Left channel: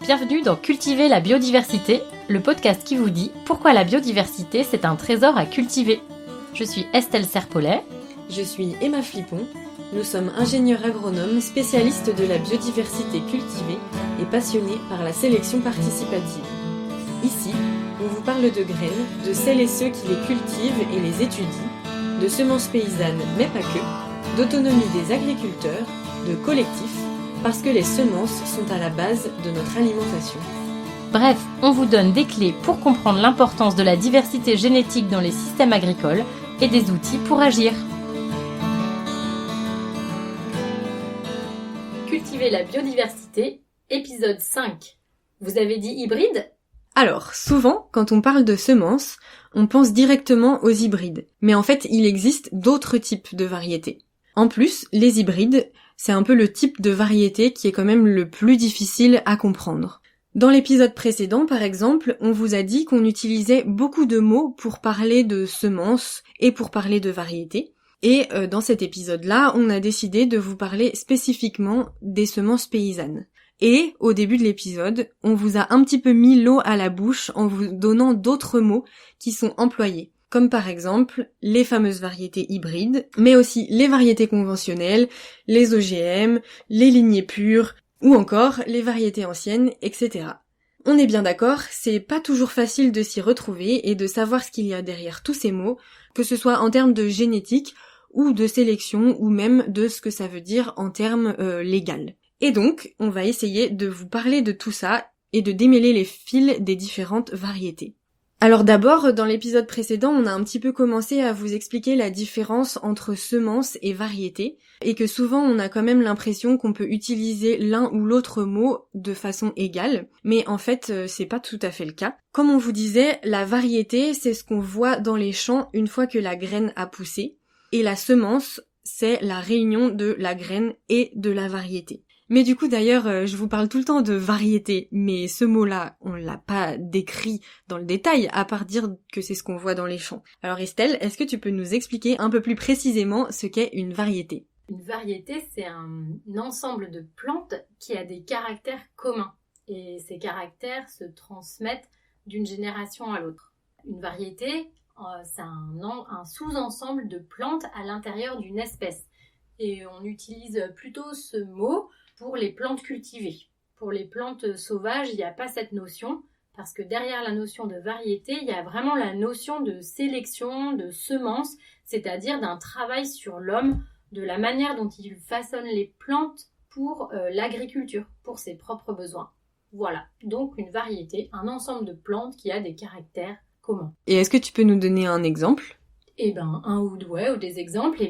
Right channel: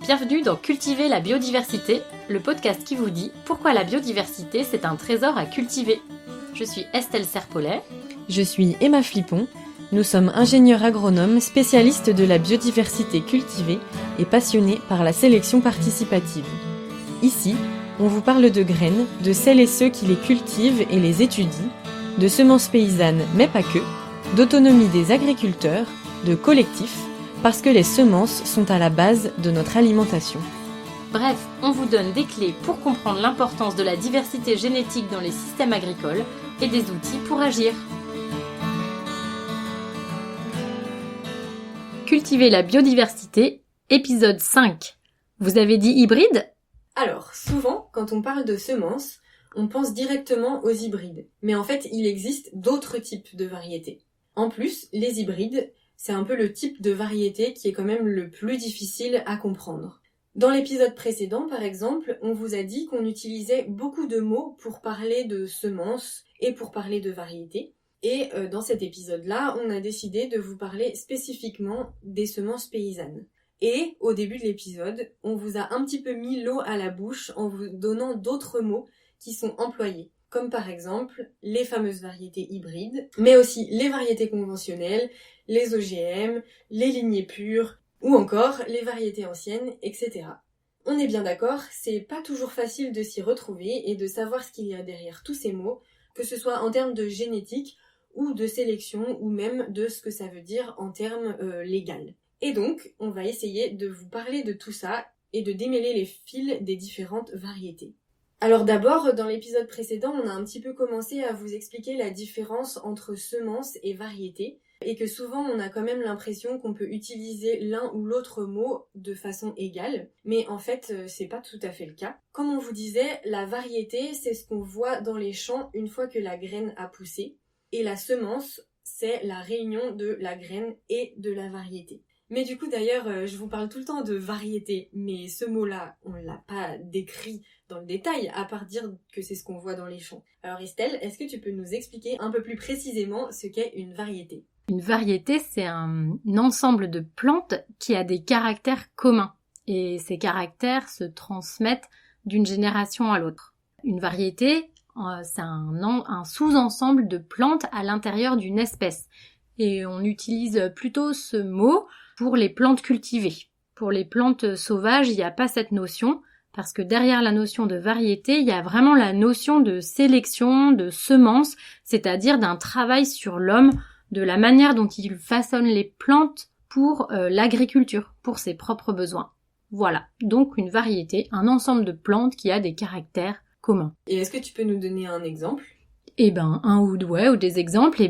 Bienvenue dans Cultiver la biodiversité, le podcast qui vous dit pourquoi la biodiversité c'est un trésor à cultiver. Je suis Estelle Serpollet. Je suis Emma Flippon. Nous sommes ingénieurs agronomes spécialistes de la biodiversité cultivée et passionnés par la sélection participative. Ici, on vous parle de graines, de celles et ceux qui les cultivent et les étudient, de semences paysannes mais pas que, d'autonomie des agriculteurs, de collectifs, parce que les semences sont à la base de notre alimentation. Bref, on vous donne des clés pour comprendre l'importance de la diversité génétique dans les systèmes agricoles et des outils pour agir. Cultiver la biodiversité, épisode 5. Vous avez dit hybride ? Alors, souvent, quand on parle de semences, on pense directement aux hybrides. Mais en fait, il existe d'autres types de variétés. En plus, les hybrides, c'est un peu le type de variété qui est quand même le plus difficile à comprendre. Dans l'épisode précédent, par exemple, on vous a dit qu'on utilisait beaucoup de mots pour parler de semences et pour parler de variétés. Et dans cet épisode-là, on a décidé de vous parler spécifiquement des semences paysannes. Et au début de l'épisode, on vous a un petit peu mis l'eau à la bouche en vous donnant d'autres mots qui sont employés. Comme par exemple les fameuses variétés hybrides, mais aussi les variétés conventionnelles, les OGM, les lignées pures, ou encore les variétés anciennes, etc. On est bien d'accord, c'est pas toujours facile de s'y retrouver et de savoir ce qu'il y a derrière tous ces mots, que ce soit en termes de génétique, ou de sélection, ou même de ce que ça veut dire en termes légal. Et donc, on va essayer de vous parler de tout ça et de démêler les fils des différentes variétés. Alors d'abord, dans l'épisode précédent, on a un petit peu commencé à vous expliquer la différence entre semences et variétés, et que souvent on a quand même l'impression qu'on peut utiliser l'un ou l'autre mot de façon égale, mais en fait c'est pas tout à fait le cas. Comme on vous disait, la variété c'est ce qu'on voit dans les champs une fois que la graine a poussé, et la semence c'est la réunion de la graine et de la variété. Mais du coup d'ailleurs, je vous parle tout le temps de variété, mais ce mot-là, on l'a pas décrit dans le détail, à part dire que c'est ce qu'on voit dans les champs. Alors Estelle, est-ce que tu peux nous expliquer un peu plus précisément ce qu'est une variété ? Une variété, c'est un ensemble de plantes qui a des caractères communs. Et ces caractères se transmettent d'une génération à l'autre. Une variété, c'est un sous-ensemble de plantes à l'intérieur d'une espèce. Et on utilise plutôt ce mot pour les plantes cultivées. Pour les plantes sauvages, il n'y a pas cette notion, parce que derrière la notion de variété, il y a vraiment la notion de sélection, de semence, c'est-à-dire d'un travail sur l'homme, de la manière dont il façonne les plantes pour l'agriculture, pour ses propres besoins. Voilà, donc une variété, un ensemble de plantes qui a des caractères communs. Et est-ce que tu peux nous donner un exemple ? Ou des exemples,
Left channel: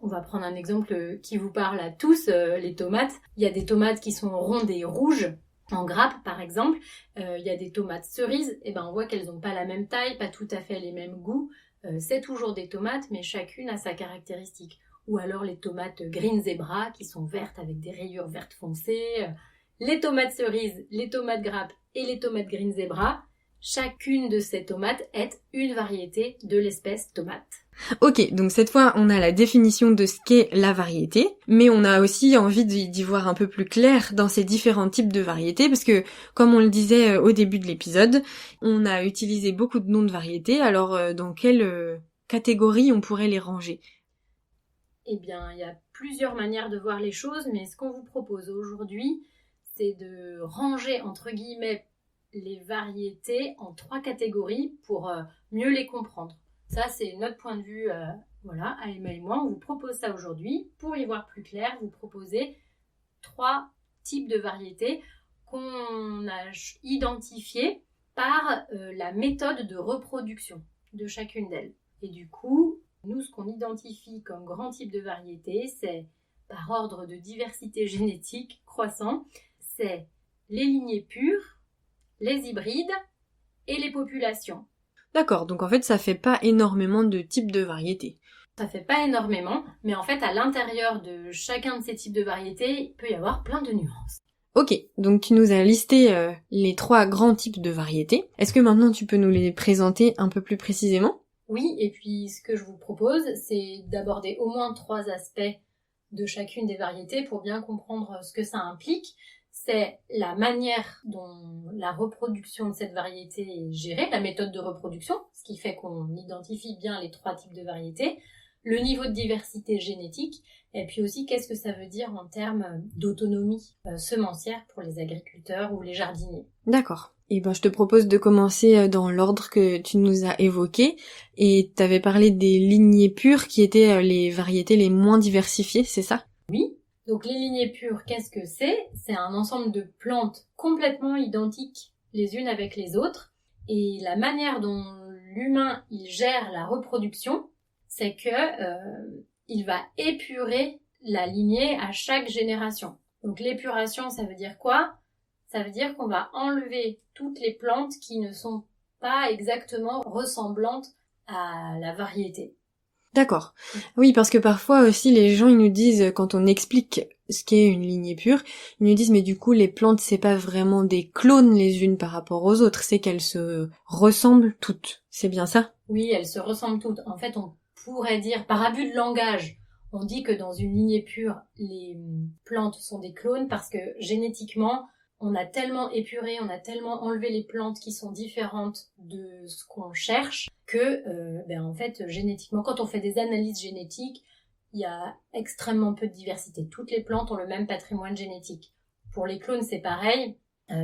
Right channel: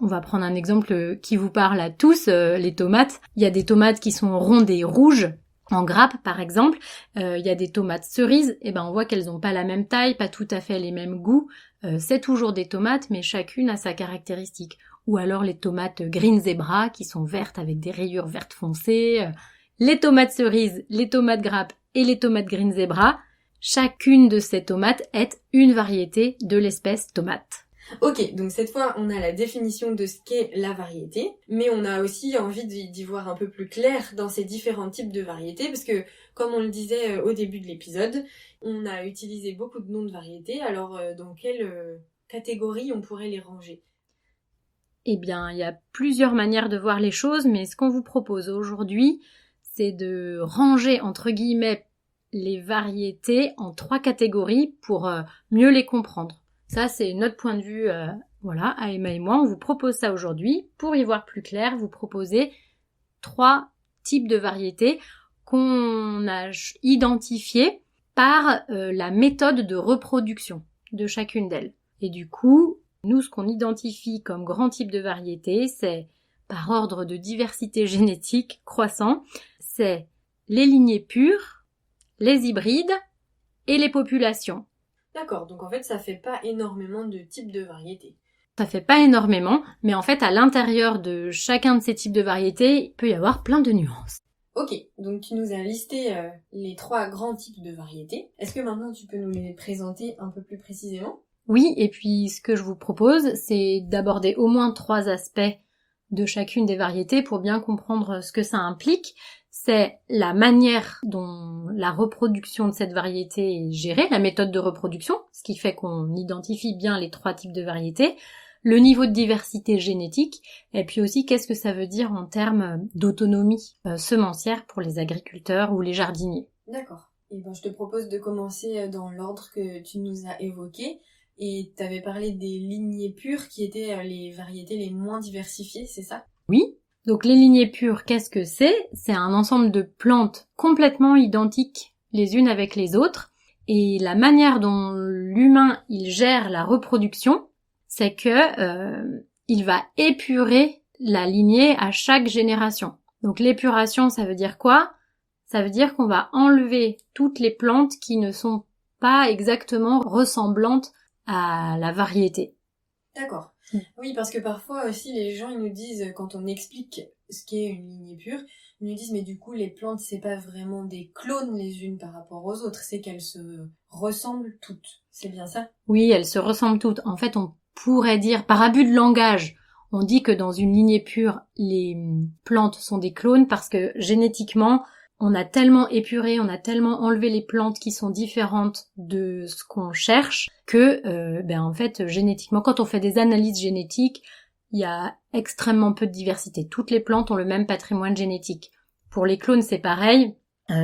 on va prendre un exemple qui vous parle à tous, les tomates. Il y a des tomates qui sont rondes et rouges, en grappe par exemple. Il y a des tomates cerises, on voit qu'elles n'ont pas la même taille, pas tout à fait les mêmes goûts. C'est toujours des tomates, mais chacune a sa caractéristique. Ou alors les tomates green zebra, qui sont vertes avec des rayures vertes foncées. Les tomates cerises, les tomates grappes et les tomates green zebra. Chacune de ces tomates est une variété de l'espèce tomate. Ok, donc cette fois on a la définition de ce qu'est la variété, mais on a aussi envie d'y voir un peu plus clair dans ces différents types de variétés, parce que comme on le disait au début de l'épisode, on a utilisé beaucoup de noms de variétés, alors dans quelle catégorie on pourrait les ranger ? Il y a plusieurs manières de voir les choses, mais ce qu'on vous propose aujourd'hui, c'est de ranger entre guillemets les variétés en 3 catégories pour mieux les comprendre. Ça, c'est notre point de vue, à Emma et moi, on vous propose ça aujourd'hui. Pour y voir plus clair, vous proposez 3 types de variétés qu'on a identifiées par la méthode de reproduction de chacune d'elles. Et du coup, nous, ce qu'on identifie comme grand type de variété, c'est par ordre de diversité génétique croissant, c'est les lignées pures, les hybrides et les populations. D'accord, donc en fait ça fait pas énormément de types de variétés. Ça fait pas énormément, mais en fait à l'intérieur de chacun de ces types de variétés, il peut y avoir plein de nuances. Ok, donc tu nous as listé les 3 grands types de variétés. Est-ce que maintenant tu peux nous les présenter un peu plus précisément ? Oui, et puis ce que je vous propose, c'est d'aborder au moins 3 aspects de chacune des variétés pour bien comprendre ce que ça implique. c'est la manière dont la reproduction de cette variété est gérée, la méthode de reproduction, ce qui fait qu'on identifie bien les 3 types de variétés, le niveau de diversité génétique, et puis aussi qu'est-ce que ça veut dire en termes d'autonomie semencière pour les agriculteurs ou les jardiniers. D'accord. Et ben je te propose de commencer dans l'ordre que tu nous as évoqué, et tu avais parlé des lignées pures qui étaient les variétés les moins diversifiées, c'est ça? Oui. Donc les lignées pures, qu'est-ce que c'est? C'est un ensemble de plantes complètement identiques les unes avec les autres, et la manière dont l'humain il gère la reproduction, c'est que il va épurer la lignée à chaque génération. Donc l'épuration, ça veut dire quoi? Ça veut dire qu'on va enlever toutes les plantes qui ne sont pas exactement ressemblantes à la variété. D'accord. Oui, parce que parfois aussi les gens ils nous disent, quand on explique ce qu'est une lignée pure, ils nous disent mais du coup les plantes c'est pas vraiment des clones les unes par rapport aux autres, c'est qu'elles se ressemblent toutes. C'est bien ça? Oui, elles se ressemblent toutes. En fait, on pourrait dire, par abus de langage, on dit que dans une lignée pure, les plantes sont des clones parce que génétiquement, on a tellement épuré, on a tellement enlevé les plantes qui sont différentes de ce qu'on cherche que, en fait, génétiquement, quand on fait des analyses génétiques, il y a extrêmement peu de diversité. Toutes les plantes ont le même patrimoine génétique. Pour les clones, c'est pareil.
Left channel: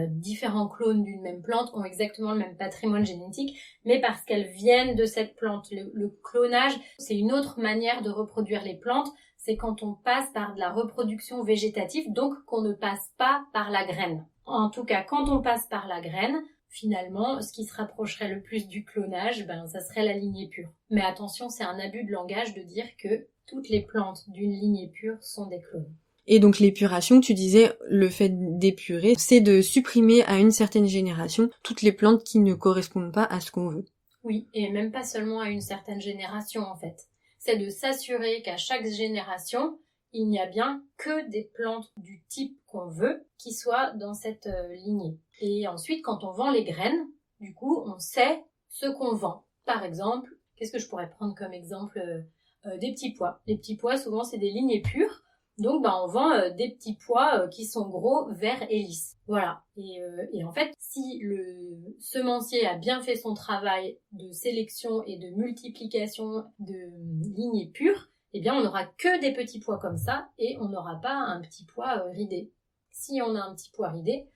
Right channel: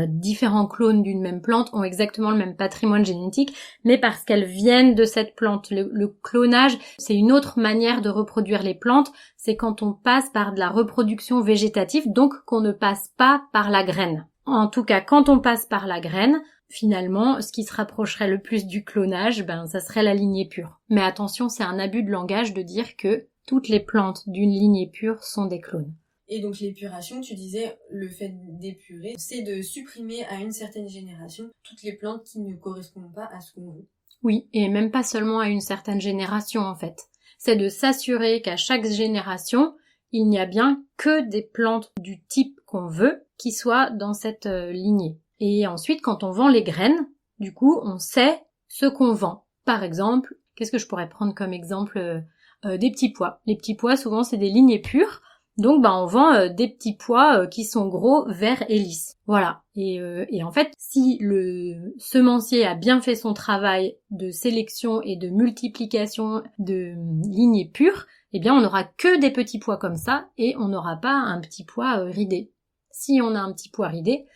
Différents clones d'une même plante ont exactement le même patrimoine génétique, mais parce qu'elles viennent de cette plante. Le clonage, c'est une autre manière de reproduire les plantes, c'est quand on passe par de la reproduction végétative, donc qu'on ne passe pas par la graine. En tout cas, quand on passe par la graine, finalement, ce qui se rapprocherait le plus du clonage, ça serait la lignée pure. Mais attention, c'est un abus de langage de dire que toutes les plantes d'une lignée pure sont des clones. Et donc l'épuration, tu disais, le fait d'épurer, c'est de supprimer à une certaine génération toutes les plantes qui ne correspondent pas à ce qu'on veut. Oui, et même pas seulement à une certaine génération en fait. C'est de s'assurer qu'à chaque génération, il n'y a bien que des plantes du type qu'on veut qui soient dans cette lignée. Et ensuite, quand on vend les graines, du coup, on sait ce qu'on vend. Par exemple, qu'est-ce que je pourrais prendre comme exemple? Des petits pois. Les petits pois, souvent, c'est des lignées pures. Donc on vend des petits pois qui sont gros, verts et lisses. Voilà. Et en fait, si le semencier a bien fait son travail de sélection et de multiplication de lignées pures, eh bien on n'aura que des petits pois comme ça et on n'aura pas un petit pois ridé. Si on a un petit pois ridé,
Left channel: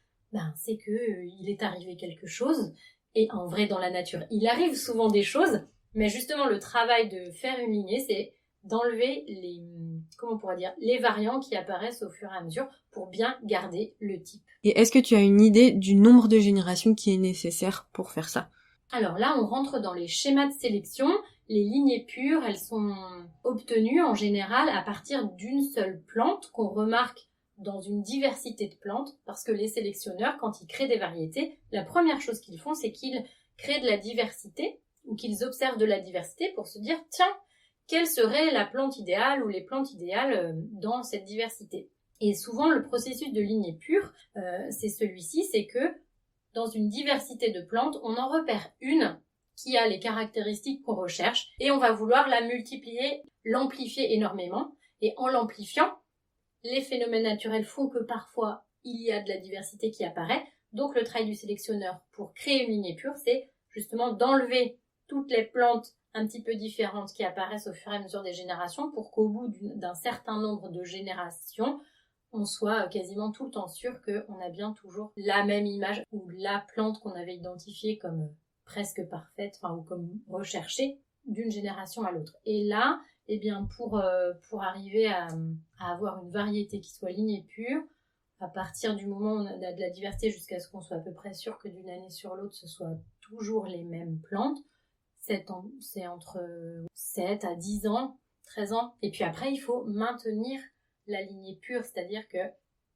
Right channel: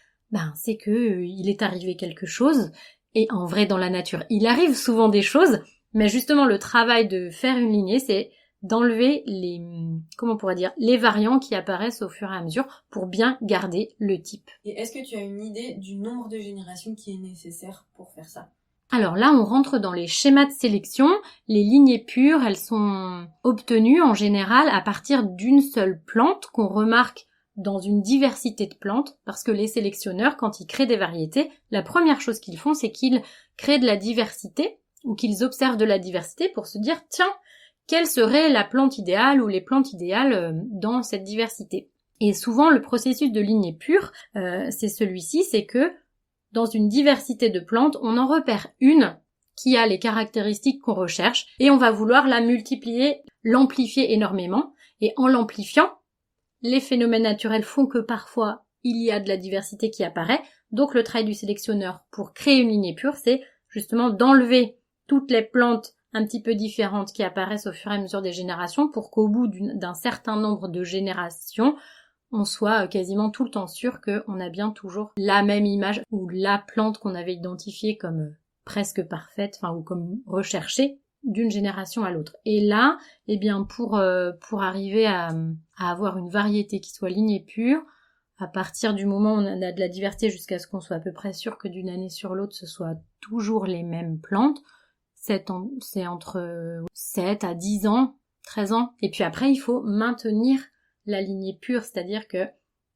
c'est que il est arrivé quelque chose. Et en vrai, dans la nature, il arrive souvent des choses, mais justement le travail de faire une lignée, c'est d'enlever les variants qui apparaissent au fur et à mesure pour bien garder le type. Et est-ce que tu as une idée du nombre de générations qui est nécessaire pour faire ça? Alors là, on rentre dans les schémas de sélection. Les lignées pures, elles sont obtenues en général à partir d'une seule plante qu'on remarque dans une diversité de plantes, parce que les sélectionneurs, quand ils créent des variétés, la première chose qu'ils font, c'est qu'ils créent de la diversité, ou qu'ils observent de la diversité pour se dire, tiens, quelle serait la plante idéale ou les plantes idéales dans cette diversité. Et souvent, le processus de lignée pure, c'est celui-ci, c'est que dans une diversité de plantes, on en repère une qui a les caractéristiques qu'on recherche et on va vouloir la multiplier, l'amplifier énormément. Et en l'amplifiant, les phénomènes naturels font que parfois, il y a de la diversité qui apparaît. Donc le travail du sélectionneur pour créer une lignée pure, c'est justement d'enlever toutes les plantes un petit peu différentes qui apparaissent au fur et à mesure des générations pour qu'au bout d'un certain nombre de générations, on soit quasiment tout le temps sûr qu'on a bien toujours la même image ou la plante qu'on avait identifiée comme presque parfaite, ou comme recherchée d'une génération à l'autre. Et là, pour arriver à avoir une variété qui soit lignée pure, à partir du moment où on a de la diversité jusqu'à ce qu'on soit à peu près sûr que d'une année sur l'autre, ce soit toujours les mêmes plantes, c'est entre 7 à 10 ans, 13 ans. Et puis après, il faut maintenir la lignée pure, c'est-à-dire que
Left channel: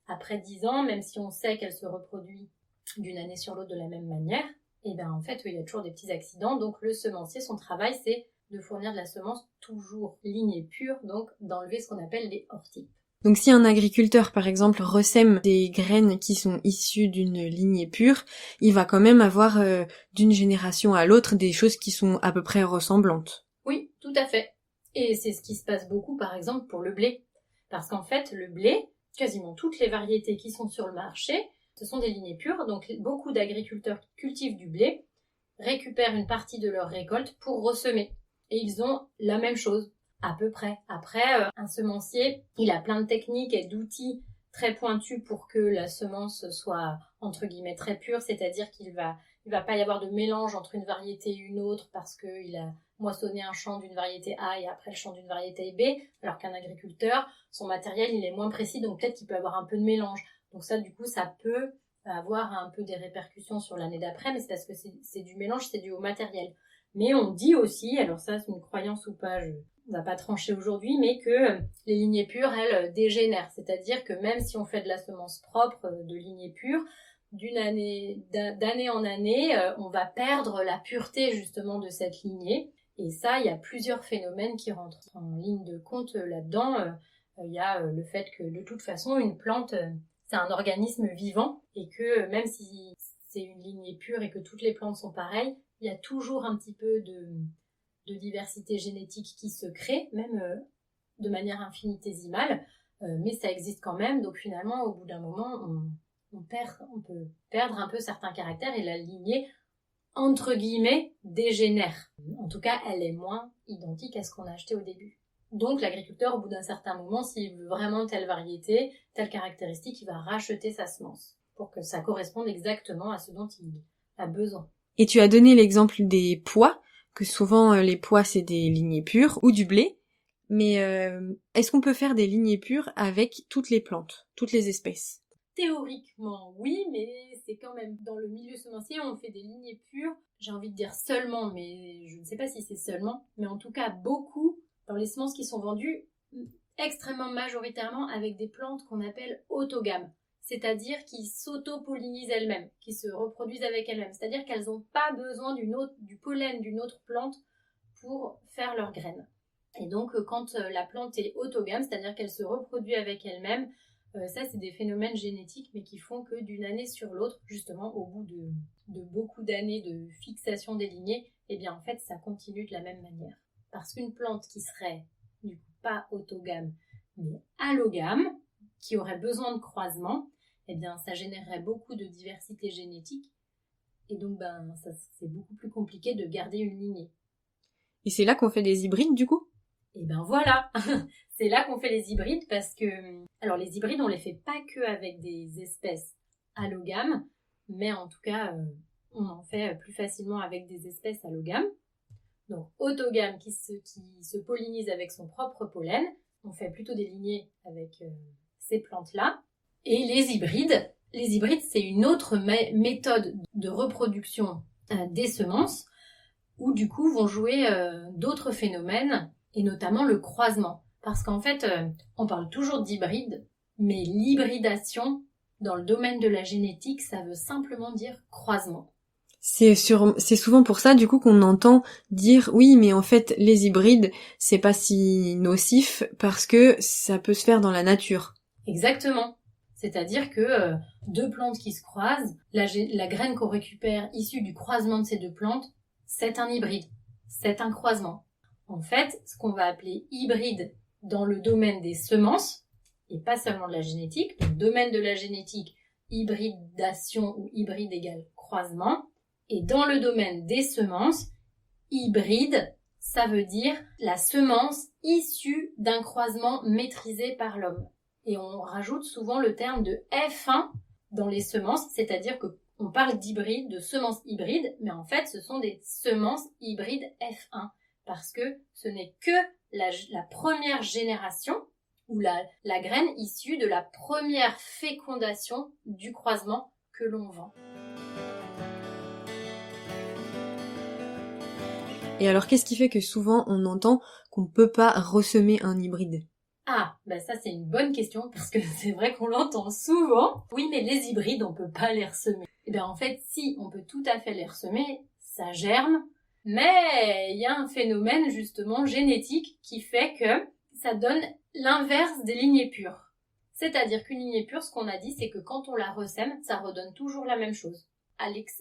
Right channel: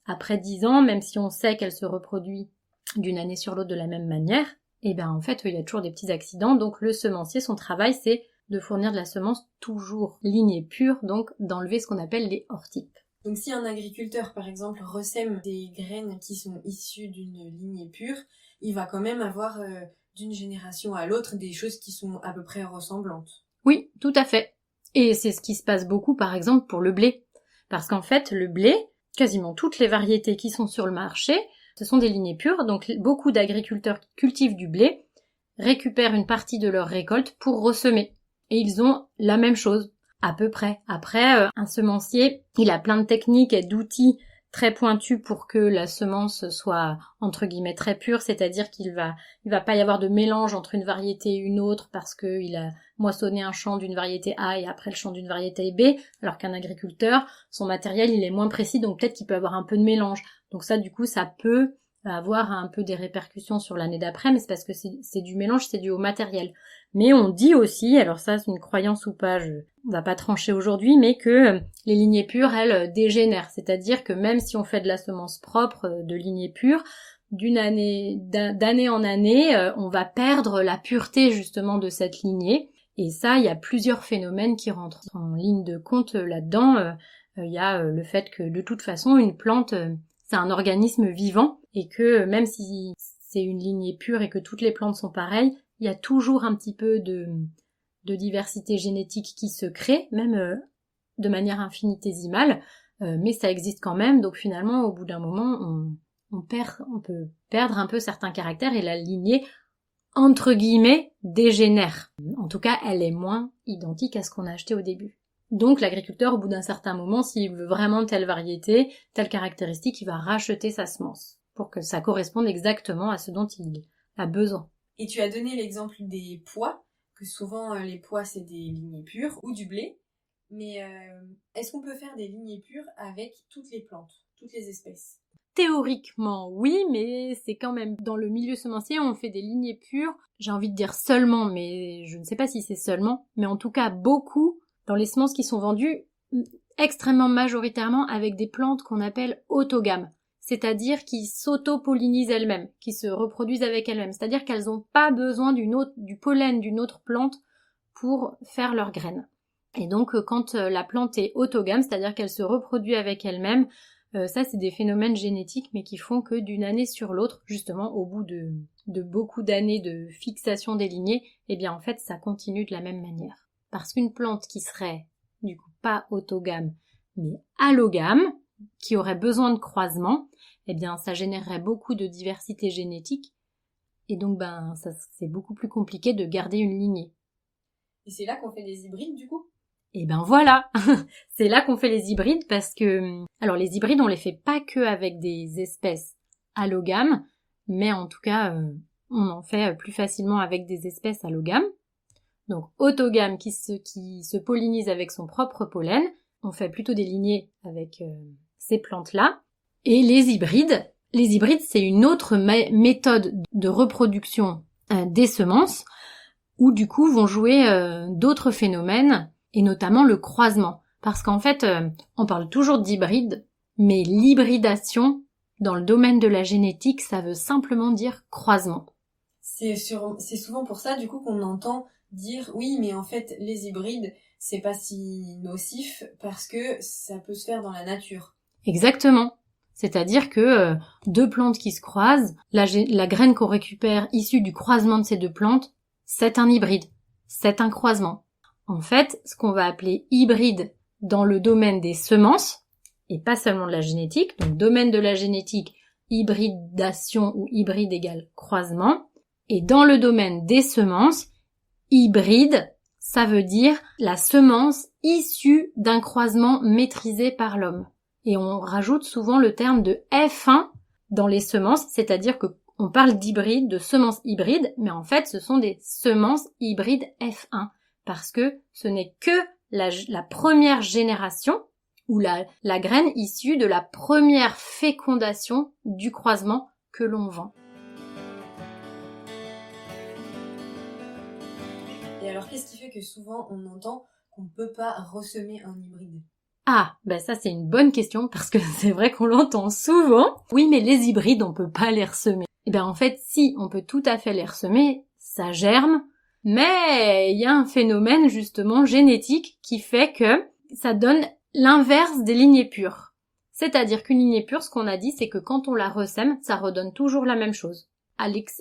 après 10 ans, même si on sait qu'elle se reproduit d'une année sur l'autre de la même manière, en fait, il y a toujours des petits accidents. Donc le semencier, son travail, c'est de fournir de la semence toujours lignée pure, donc d'enlever ce qu'on appelle les hors-types. Donc si un agriculteur, par exemple, ressème des graines qui sont issues d'une lignée pure, il va quand même avoir d'une génération à l'autre des choses qui sont à peu près ressemblantes. Oui, tout à fait. Et c'est ce qui se passe beaucoup, par exemple, pour le blé. Parce qu'en fait, le blé, quasiment toutes les variétés qui sont sur le marché, ce sont des lignées pures, donc beaucoup d'agriculteurs qui cultivent du blé récupèrent une partie de leur récolte pour ressemer. Et ils ont la même chose, à peu près. Après, un semencier, il a plein de techniques et d'outils très pointus pour que la semence soit, entre guillemets, très pure, c'est-à-dire qu'il va pas y avoir de mélange entre une variété et une autre parce qu'il a moissonné un champ d'une variété A et après le champ d'une variété B, alors qu'un agriculteur, son matériel, il est moins précis, donc peut-être qu'il peut avoir un peu de mélange. Donc ça, du coup, ça peut avoir un peu des répercussions sur l'année d'après, mais c'est parce que c'est du mélange, c'est dû au matériel. Mais on dit aussi, alors ça c'est une croyance ou pas, on va pas trancher aujourd'hui, mais que les lignées pures, elles, dégénèrent. C'est-à-dire que même si on fait de la semence propre de lignées pures, d'année en année, on va perdre la pureté justement de cette lignée. Et ça, il y a plusieurs phénomènes qui rentrent en ligne de compte là-dedans. Il y a le fait que de toute façon, une plante, c'est un organisme vivant et que même si c'est une lignée pure et que toutes les plantes sont pareilles, il y a toujours un petit peu de diversité génétique qui se crée, même de manière infinitésimale, mais ça existe quand même, donc finalement, au bout d'un moment, on peut perdre un peu certains caractères et la lignée, entre guillemets, dégénère. En tout cas, elle est moins identique à ce qu'on a acheté au début. Donc l'agriculteur, au bout d'un certain moment, s'il veut vraiment telle variété, telle caractéristique, il va racheter sa semence pour que ça corresponde exactement à ce dont il a besoin. Et tu as donné l'exemple des pois, que souvent les pois c'est des lignées pures, ou du blé, mais est-ce qu'on peut faire des lignées pures avec toutes les plantes, toutes les espèces? Théoriquement, oui, mais c'est quand même dans le milieu semencier, on fait des lignées pures. J'ai envie de dire seulement, mais je ne sais pas si c'est seulement, mais en tout cas beaucoup dans les semences qui sont vendues extrêmement majoritairement avec des plantes qu'on appelle autogames, c'est-à-dire qui s'auto-pollinisent elles-mêmes, qui se reproduisent avec elles-mêmes, c'est-à-dire qu'elles n'ont pas besoin du pollen d'une autre plante pour faire leurs graines. Et donc quand la plante est autogame, c'est-à-dire qu'elle se reproduit avec elle-même, ça c'est des phénomènes génétiques mais qui font que d'une année sur l'autre, justement au bout de beaucoup d'années de fixation des lignées, eh bien en fait ça continue de la même manière. Parce qu'une plante qui serait du coup pas autogame mais allogame, qui aurait besoin de croisement, eh bien ça générerait beaucoup de diversité génétique et donc ça, c'est beaucoup plus compliqué de garder une lignée. Et c'est là qu'on fait des hybrides du coup? Et ben voilà, c'est là qu'on fait les hybrides parce que, alors les hybrides on les fait pas que avec des espèces allogames, mais en tout cas on en fait plus facilement avec des espèces allogames. Donc autogame qui se pollinisent avec son propre pollen, on fait plutôt des lignées avec ces plantes-là. Et les hybrides c'est une autre méthode de reproduction des semences où du coup vont jouer d'autres phénomènes et notamment le croisement. Parce qu'en fait, on parle toujours d'hybride, mais l'hybridation, dans le domaine de la génétique, ça veut simplement dire croisement. C'est souvent pour ça, du coup, qu'on entend dire, oui, mais en fait, les hybrides, c'est pas si nocif parce que ça peut se faire dans la nature. Exactement. C'est-à-dire que deux plantes qui se croisent, la graine qu'on récupère issue du croisement de ces deux plantes, c'est un hybride. C'est un croisement. En fait, ce qu'on va appeler hybride dans le domaine des semences, et pas seulement de la génétique, donc domaine de la génétique, hybridation ou hybride égale croisement, et dans le domaine des semences, hybride, ça veut dire la semence issue d'un croisement maîtrisé par l'homme. Et on rajoute souvent le terme de F1 dans les semences, c'est-à-dire que on parle d'hybride, de semences hybrides, mais en fait ce sont des semences hybrides F1, parce que ce n'est que la première génération, ou la graine issue de la première fécondation du croisement que l'on vend. Et alors qu'est-ce qui fait que souvent on entend qu'on ne peut pas ressemer un hybride? Ah, ça c'est une bonne question, parce que c'est vrai qu'on l'entend souvent. Oui, mais les hybrides, on peut pas les ressemer. Et en fait, si, on peut tout à fait les ressemer, ça germe, mais il y a un phénomène justement génétique qui fait que ça donne l'inverse des lignées pures. C'est-à-dire qu'une lignée pure, ce qu'on a dit, c'est que quand on la ressème, ça redonne toujours la même chose,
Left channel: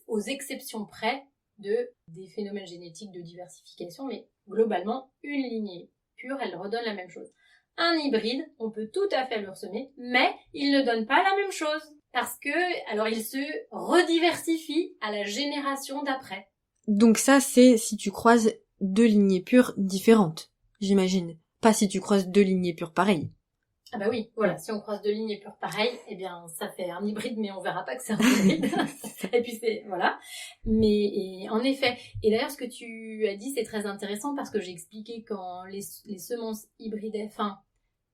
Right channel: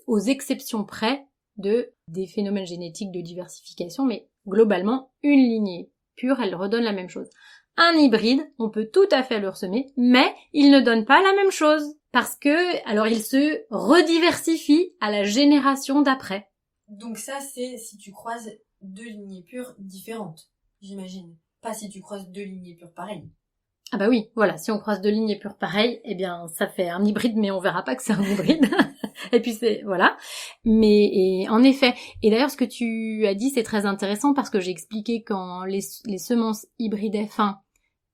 aux exceptions près des phénomènes génétiques de diversification, mais globalement, une lignée pure, elle redonne la même chose. un hybride, on peut tout à fait le ressemer, mais il ne donne pas la même chose. Parce que, alors il se rediversifie à la génération d'après. Donc ça, c'est si tu croises deux lignées pures différentes, j'imagine. Pas si tu croises deux lignées pures pareilles. Ah bah oui, voilà, si on croise deux lignées pures pareilles, eh bien ça fait un hybride, mais on verra pas que c'est un hybride. Et puis voilà. Mais et, en effet, et d'ailleurs ce que tu as dit c'est très intéressant parce que j'ai expliqué quand les semences hybrides F1,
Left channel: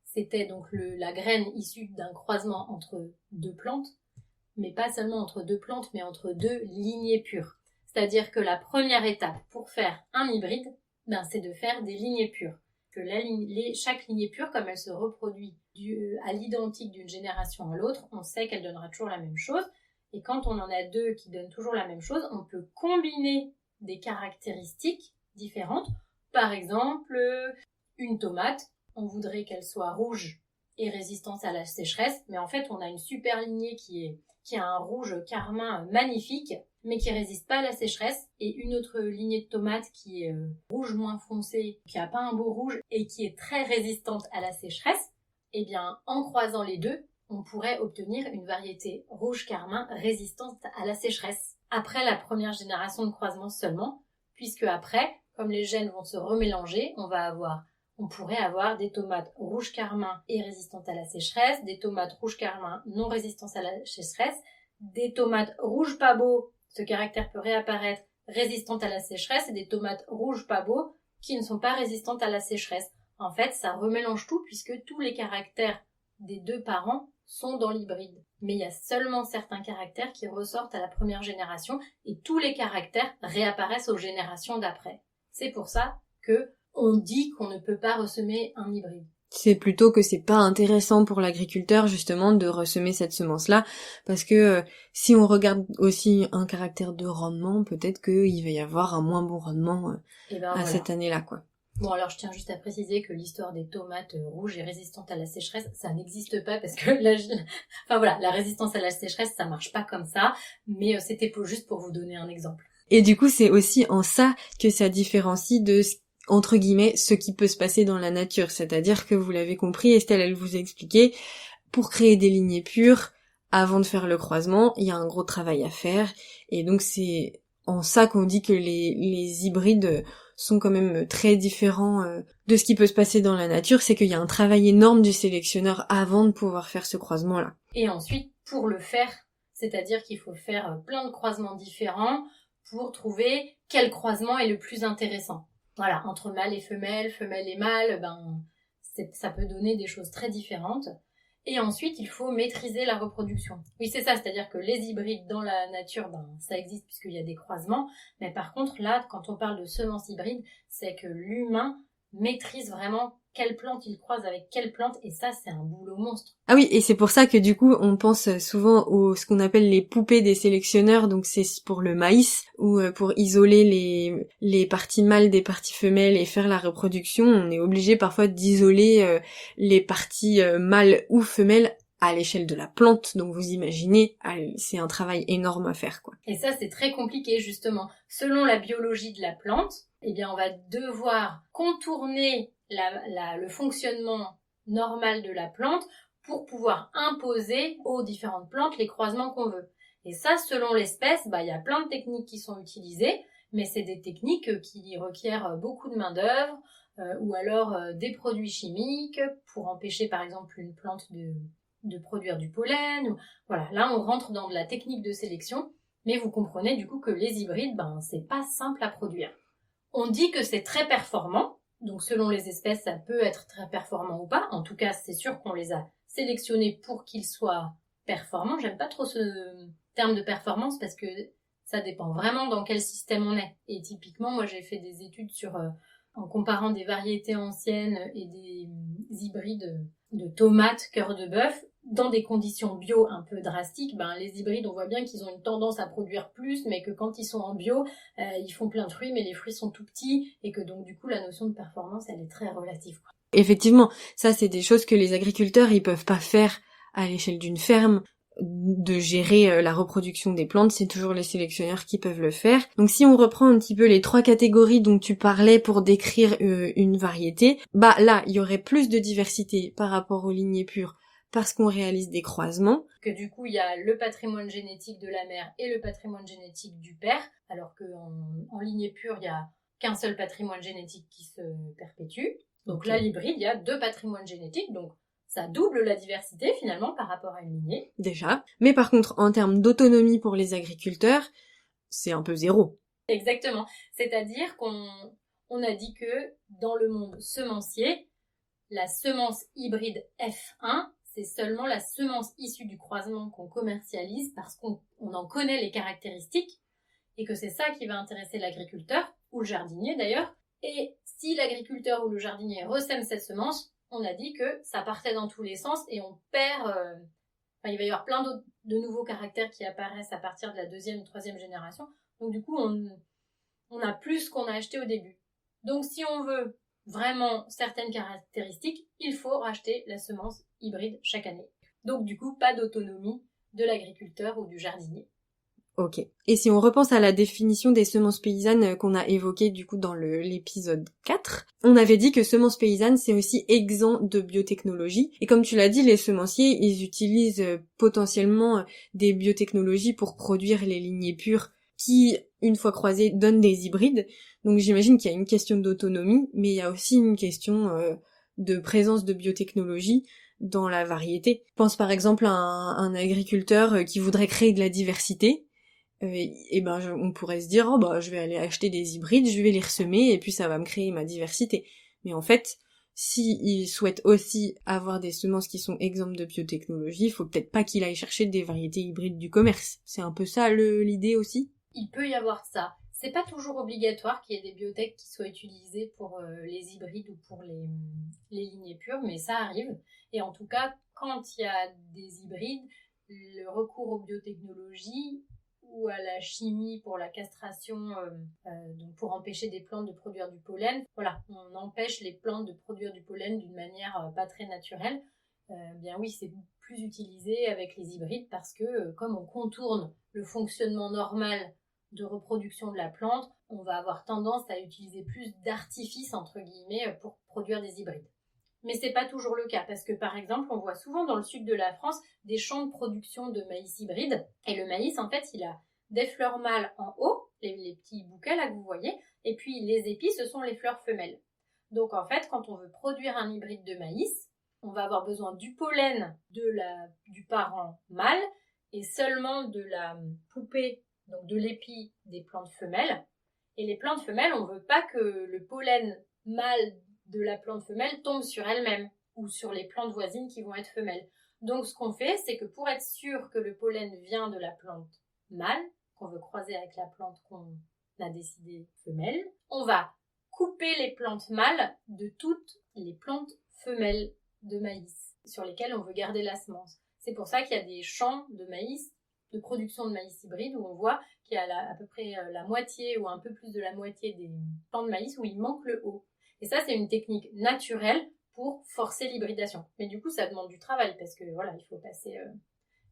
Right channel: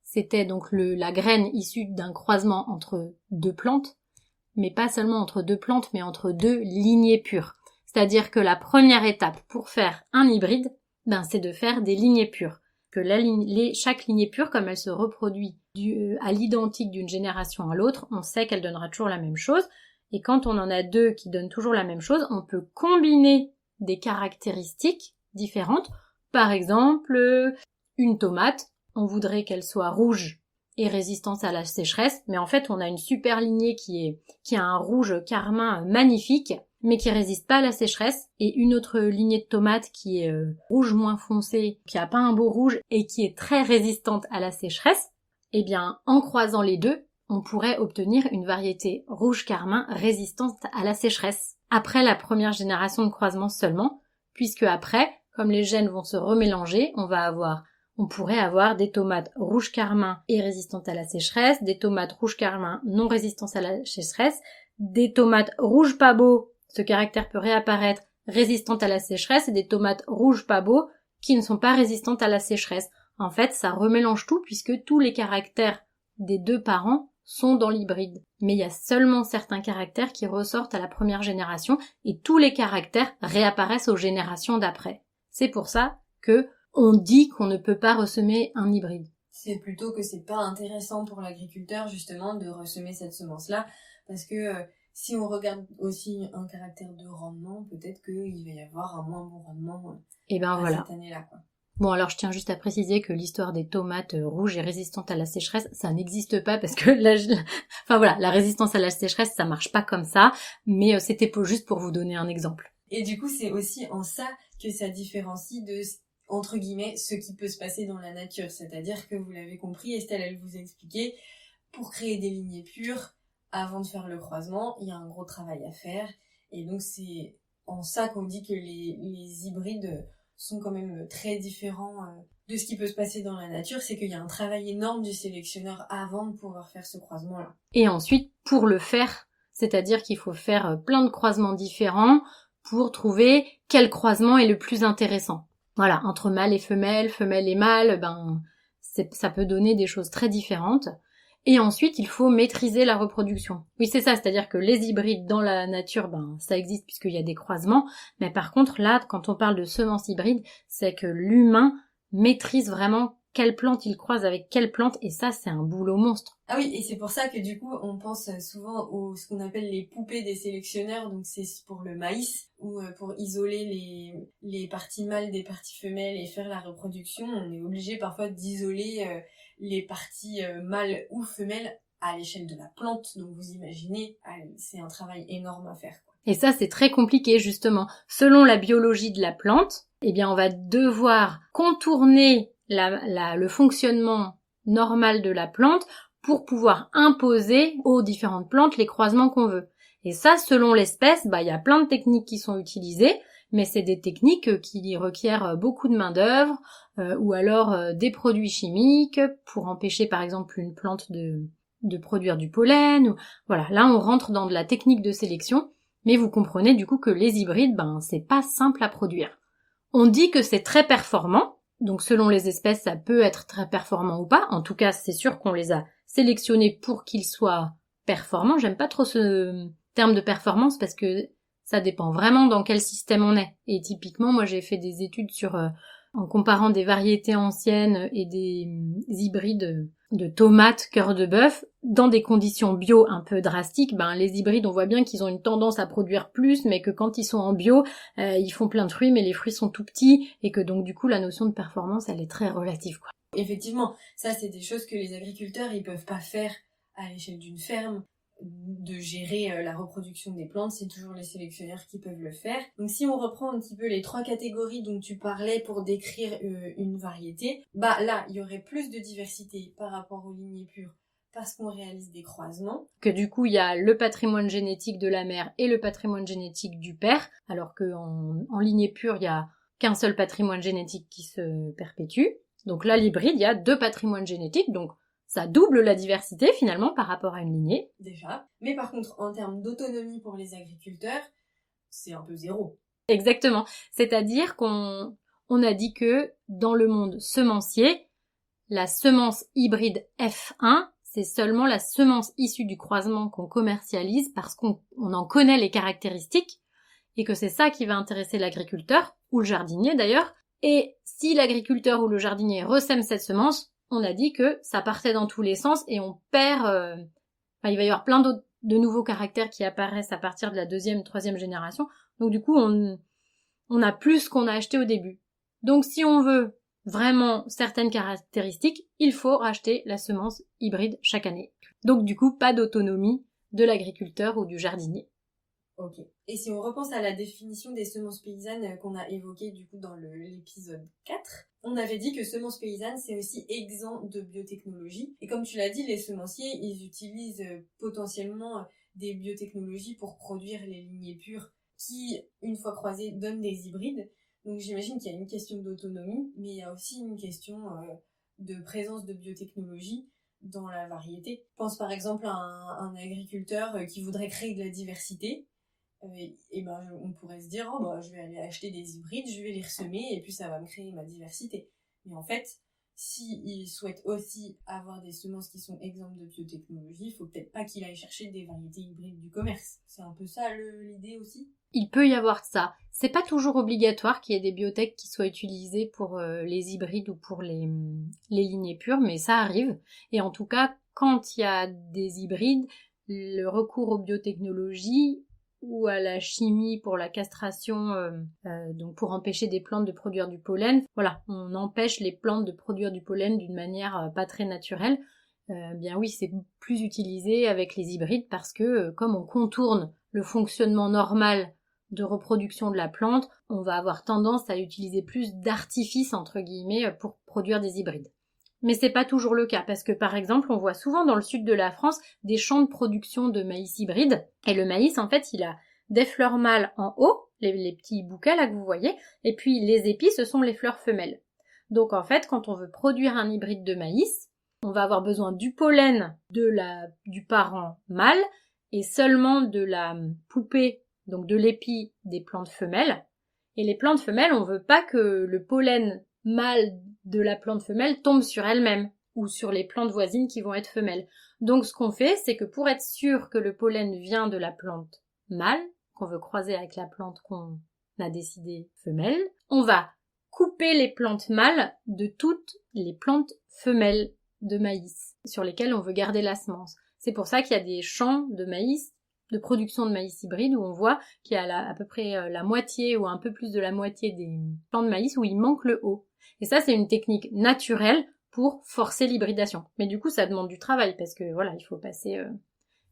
c'était donc la graine issue d'un croisement entre deux plantes, mais pas seulement entre deux plantes, mais entre deux lignées pures. C'est-à-dire que la première étape pour faire un hybride, c'est de faire des lignées pures. Que chaque lignée pure, comme elle se reproduit à l'identique d'une génération à l'autre, on sait qu'elle donnera toujours la même chose. Et quand on en a deux qui donnent toujours la même chose, on peut combiner des caractéristiques différentes. Par exemple, une tomate, on voudrait qu'elle soit rouge et résistante à la sécheresse, mais en fait on a une super lignée qui a un rouge carmin magnifique, mais qui résiste pas à la sécheresse, et une autre lignée de tomates qui est rouge moins foncé, qui a pas un beau rouge et qui est très résistante à la sécheresse. Eh bien, en croisant les deux, on pourrait obtenir une variété rouge carmin résistante à la sécheresse. Après la première génération de croisement seulement, puisque après, comme les gènes vont se remélanger, on pourrait avoir des tomates rouge carmin et résistantes à la sécheresse, des tomates rouge carmin non résistantes à la sécheresse, des tomates rouge pas beau, ce caractère peut réapparaître, résistantes à la sécheresse, et des tomates rouge pas beau qui ne sont pas résistantes à la sécheresse. En fait, ça remélange tout puisque tous les caractères des deux parents sont dans l'hybride. Mais il y a seulement certains caractères qui ressortent à la première génération et tous les caractères réapparaissent aux générations d'après. C'est pour ça que on dit qu'on ne peut pas ressemer un hybride. C'est plutôt que c'est pas intéressant pour l'agriculteur justement de ressemer cette semence-là, parce que si on regarde aussi un caractère de rendement, peut-être qu'il va y avoir un moins bon rendement cette année-là, quoi. Bon, alors je tiens juste à préciser que l'histoire des tomates rouges et résistantes à la sécheresse, ça n'existe pas parce que la résistance à la sécheresse, ça marche pas comme ça, mais c'était juste pour vous donner un exemple. Et du coup, c'est aussi en ça que ça différencie de entre guillemets, ce qui peut se passer dans la nature. C'est-à-dire que vous l'avez compris, Estelle, elle vous a expliqué, pour créer des lignées pures, avant de faire le croisement, il y a un gros travail à faire. Et donc c'est en ça qu'on dit que les hybrides sont quand même très différents de ce qui peut se passer dans la nature. C'est qu'il y a un travail énorme du sélectionneur avant de pouvoir faire ce croisement-là. Et ensuite, pour le faire, c'est-à-dire qu'il faut faire plein de croisements différents pour trouver quel croisement est le plus intéressant. Voilà, entre mâle et femelle, femelle et mâle, ça peut donner des choses très différentes. Et ensuite, il faut maîtriser la reproduction. Oui, c'est ça, c'est-à-dire que les hybrides dans la nature, ça existe puisqu'il y a des croisements. Mais par contre, là, quand on parle de semences hybrides, c'est que l'humain maîtrise vraiment quelle plante il croise avec quelle plante, et ça, c'est un boulot monstre. Ah oui, et c'est pour ça que du coup, on pense souvent ce qu'on appelle les poupées des sélectionneurs, donc c'est pour le maïs, ou pour isoler les parties mâles des parties femelles et faire la reproduction, on est obligé parfois d'isoler les parties mâles ou femelles à l'échelle de la plante, donc vous imaginez, c'est un travail énorme à faire, quoi. Et ça, c'est très compliqué, justement. Selon la biologie de la plante, eh bien, on va devoir contourner le fonctionnement normal de la plante pour pouvoir imposer aux différentes plantes les croisements qu'on veut. Et ça, selon l'espèce, il y a plein de techniques qui sont utilisées, mais c'est des techniques qui requièrent beaucoup de main-d'œuvre, ou alors des produits chimiques pour empêcher par exemple une plante de produire du pollen. Voilà, là on rentre dans de la technique de sélection, mais vous comprenez du coup que les hybrides, c'est pas simple à produire. On dit que c'est très performant, donc selon les espèces, ça peut être très performant ou pas. En tout cas, c'est sûr qu'on les a sélectionnés pour qu'ils soient performants. J'aime pas trop ce terme de performance parce que ça dépend vraiment dans quel système on est. Et typiquement, moi j'ai fait des études en comparant des variétés anciennes et des hybrides de tomates cœur de bœuf dans des conditions bio un peu drastiques. Les hybrides, on voit bien qu'ils ont une tendance à produire plus, mais que quand ils sont en bio, ils font plein de fruits, mais les fruits sont tout petits, et que donc du coup la notion de performance, elle est très relative, quoi. Effectivement, ça c'est des choses que les agriculteurs ils peuvent pas faire à l'échelle d'une ferme. de gérer la reproduction des plantes, c'est toujours les sélectionneurs qui peuvent le faire. Donc si on reprend un petit peu les 3 catégories dont tu parlais pour décrire une variété, là, il y aurait plus de diversité par rapport aux lignées pures parce qu'on réalise des croisements. Que du coup, il y a le patrimoine génétique de la mère et le patrimoine génétique du père, alors qu'en lignée pure, il n'y a qu'un seul patrimoine génétique qui se perpétue. Donc là, l'hybride, il y a 2 patrimoines génétiques, donc ça double la diversité finalement par rapport à une lignée. Déjà. Mais par contre, en termes d'autonomie pour les agriculteurs, c'est un peu zéro. Exactement. C'est-à-dire qu'on a dit que dans le monde semencier, la semence hybride F1, c'est seulement la semence issue du croisement qu'on commercialise parce qu'on en connaît les caractéristiques et que c'est ça qui va intéresser l'agriculteur, ou le jardinier d'ailleurs. Et si l'agriculteur ou le jardinier ressème cette semence, on a dit que ça partait dans tous les sens et on perd... il va y avoir plein de nouveaux caractères qui apparaissent à partir de la 2e, 3e génération. Donc du coup, on a plus ce qu'on a acheté au début. Donc si on veut vraiment certaines caractéristiques, il faut racheter la semence hybride chaque année. Donc du coup, pas d'autonomie de l'agriculteur ou du jardinier. Ok. Et si on repense à la définition des semences paysannes qu'on a évoquée du coup dans l'épisode 4, on avait dit que semences paysannes c'est aussi exempt de biotechnologie. Et comme tu l'as dit, les semenciers, ils utilisent potentiellement des biotechnologies pour produire les lignées pures qui, une fois croisées, donnent des hybrides. Donc j'imagine qu'il y a une question d'autonomie, mais il y a aussi une question de présence de biotechnologie dans la variété. Je pense par exemple à un agriculteur qui voudrait créer de la diversité. On pourrait se dire, je vais aller acheter des hybrides, je vais les ressemer, et puis ça va me créer ma diversité. Mais en fait, s'il souhaite aussi avoir des semences qui sont exemptes de biotechnologie, il faut peut-être pas qu'il aille chercher des variétés hybrides du commerce. C'est un peu ça l'idée aussi? Il peut y avoir ça. C'est pas toujours obligatoire qu'il y ait des biotech qui soient utilisées pour les hybrides ou pour les lignées pures, mais ça arrive. Et en tout cas, quand il y a des hybrides, le recours aux biotechnologies ou à la chimie pour la castration, donc pour empêcher des plantes de produire du pollen. Voilà, on empêche les plantes de produire du pollen d'une manière pas très naturelle. Bien oui, c'est plus utilisé avec les hybrides parce que comme on contourne le fonctionnement normal de reproduction de la plante, on va avoir tendance à utiliser plus d'artifices entre guillemets pour produire des hybrides. Mais c'est pas toujours le cas, parce que par exemple, on voit souvent dans le sud de la France des champs de production de maïs hybride, et le maïs, en fait, il a des fleurs mâles en haut, les petits bouquets là que vous voyez, et puis les épis, ce sont les fleurs femelles. Donc en fait, quand on veut produire un hybride de maïs, on va avoir besoin du pollen du parent mâle, et seulement de la poupée, donc de l'épi des plantes femelles. Et les plantes femelles, on veut pas que le pollen mâle de la plante femelle tombe sur elle-même ou sur les plantes voisines qui vont être femelles. Donc ce qu'on fait, c'est que pour être sûr que le pollen vient de la plante mâle, qu'on veut croiser avec la plante qu'on a décidé femelle, on va couper les plantes mâles de toutes les plantes femelles de maïs sur lesquelles on veut garder la semence. C'est pour ça qu'il y a des champs de maïs, de production de maïs hybride, où on voit qu'il y a à peu près la moitié ou un peu plus de la moitié des plants de maïs où il manque le haut. Et ça, c'est une technique naturelle pour forcer l'hybridation. Mais du coup, ça demande du travail parce que voilà, il faut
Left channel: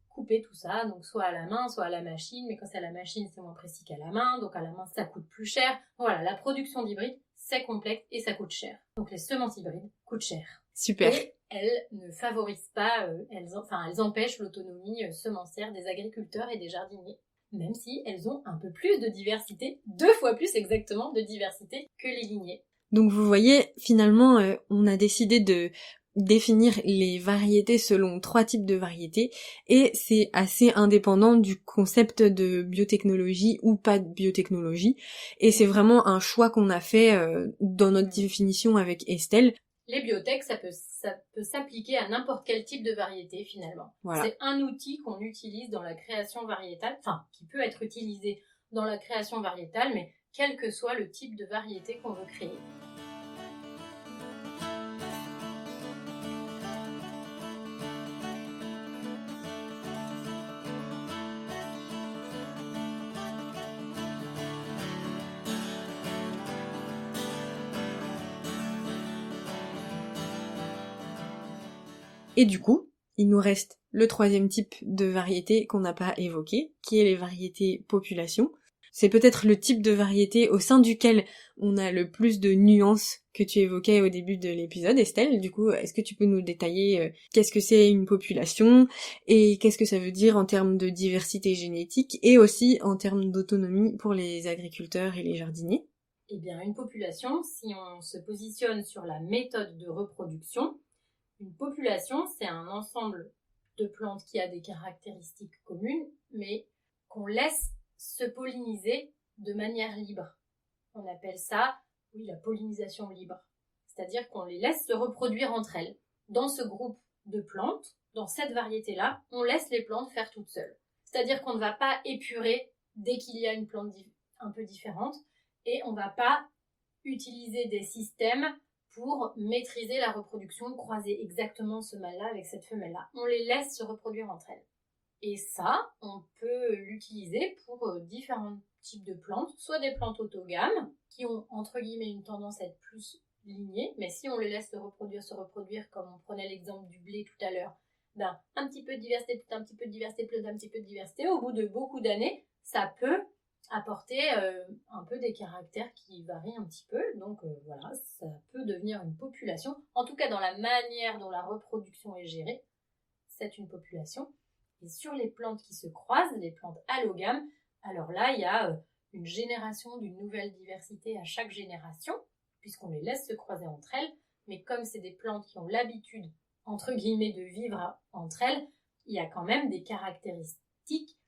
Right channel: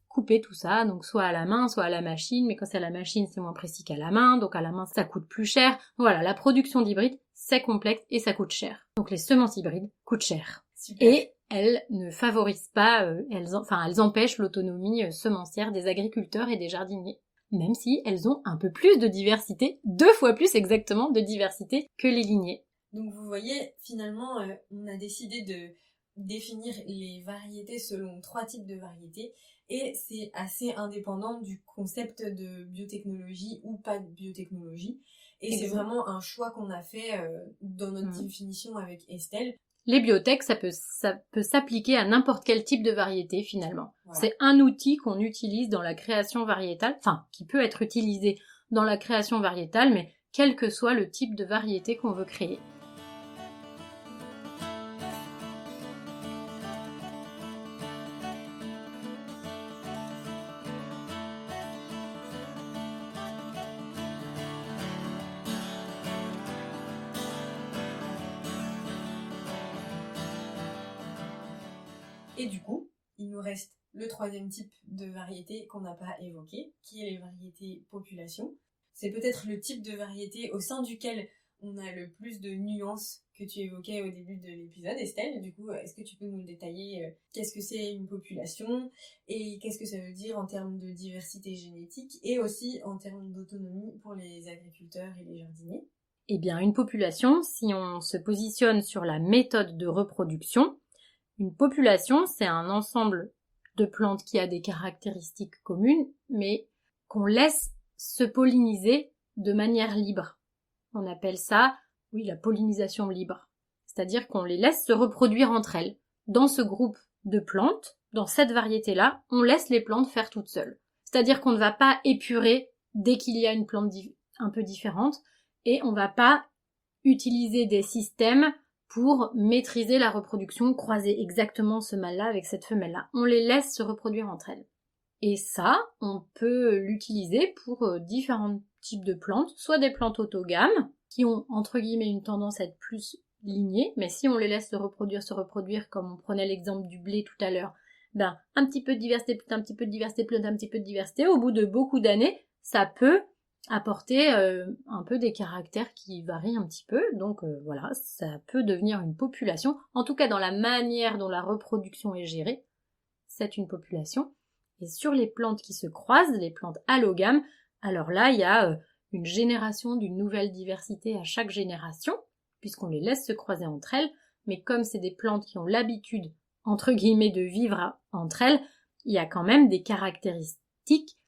couper tout ça, donc soit à la main, soit à la machine. Mais quand c'est à la machine, c'est moins précis qu'à la main, donc à la main, ça coûte plus cher. Voilà, la production d'hybrides, c'est complexe et ça coûte cher. Donc les semences hybrides coûtent cher. Super. Et elles ne favorisent pas, elles empêchent l'autonomie semencière des agriculteurs et des jardiniers. Même si elles ont un peu plus de diversité, 2 fois plus exactement de diversité que les lignées. Donc vous voyez, finalement, on a décidé de définir les variétés selon 3 types de variétés et c'est assez indépendant du concept de biotechnologie ou pas de biotechnologie et c'est vraiment un choix qu'on a fait dans notre définition avec Estelle. Les biotech, ça peut s'appliquer à n'importe quel type de variété finalement. Voilà. C'est un outil qu'on utilise dans la création variétale, enfin qui peut être utilisé dans la création variétale, mais quel que soit le type de variété qu'on veut créer. Et du coup, il nous reste le troisième type de variété qu'on n'a pas évoqué, qui est les variétés population. C'est peut-être le type de variété au sein duquel on a le plus de nuances que tu évoquais au début de l'épisode, Estelle. Du coup, est-ce que tu peux nous détailler qu'est-ce que c'est une population et qu'est-ce que ça veut dire en termes de diversité génétique et aussi en termes d'autonomie pour les agriculteurs et les jardiniers? Eh bien, une population, si on se positionne sur la méthode de reproduction, une population, c'est un ensemble de plantes qui a des caractéristiques communes, mais qu'on laisse se polliniser de manière libre. On appelle ça, oui, la pollinisation libre. C'est-à-dire qu'on les laisse se reproduire entre elles. Dans ce groupe de plantes, dans cette variété-là, on laisse les plantes faire toutes seules. C'est-à-dire qu'on ne va pas épurer dès qu'il y a une plante un peu différente et on ne va pas utiliser des systèmes pour maîtriser la reproduction, croiser exactement ce mâle-là avec cette femelle-là. On les laisse se reproduire entre elles. Et ça, on peut l'utiliser pour différents types de plantes, soit des plantes autogames, qui ont entre guillemets une tendance à être plus lignées, mais si on les laisse se reproduire, comme on prenait l'exemple du blé tout à l'heure, ben un petit peu de diversité, un petit peu de diversité, un petit peu de diversité, au bout de beaucoup d'années, ça peut apporter un peu des caractères qui varient un petit peu, donc voilà, ça peut devenir une population, en tout cas dans la manière dont la reproduction est gérée, c'est une population. Et sur les plantes qui se croisent, les plantes allogames, alors là, il y a une génération d'une nouvelle diversité à chaque génération, puisqu'on les laisse se croiser entre elles, mais comme c'est des plantes qui ont l'habitude, entre guillemets, de vivre entre elles, il y a quand même des caractéristiques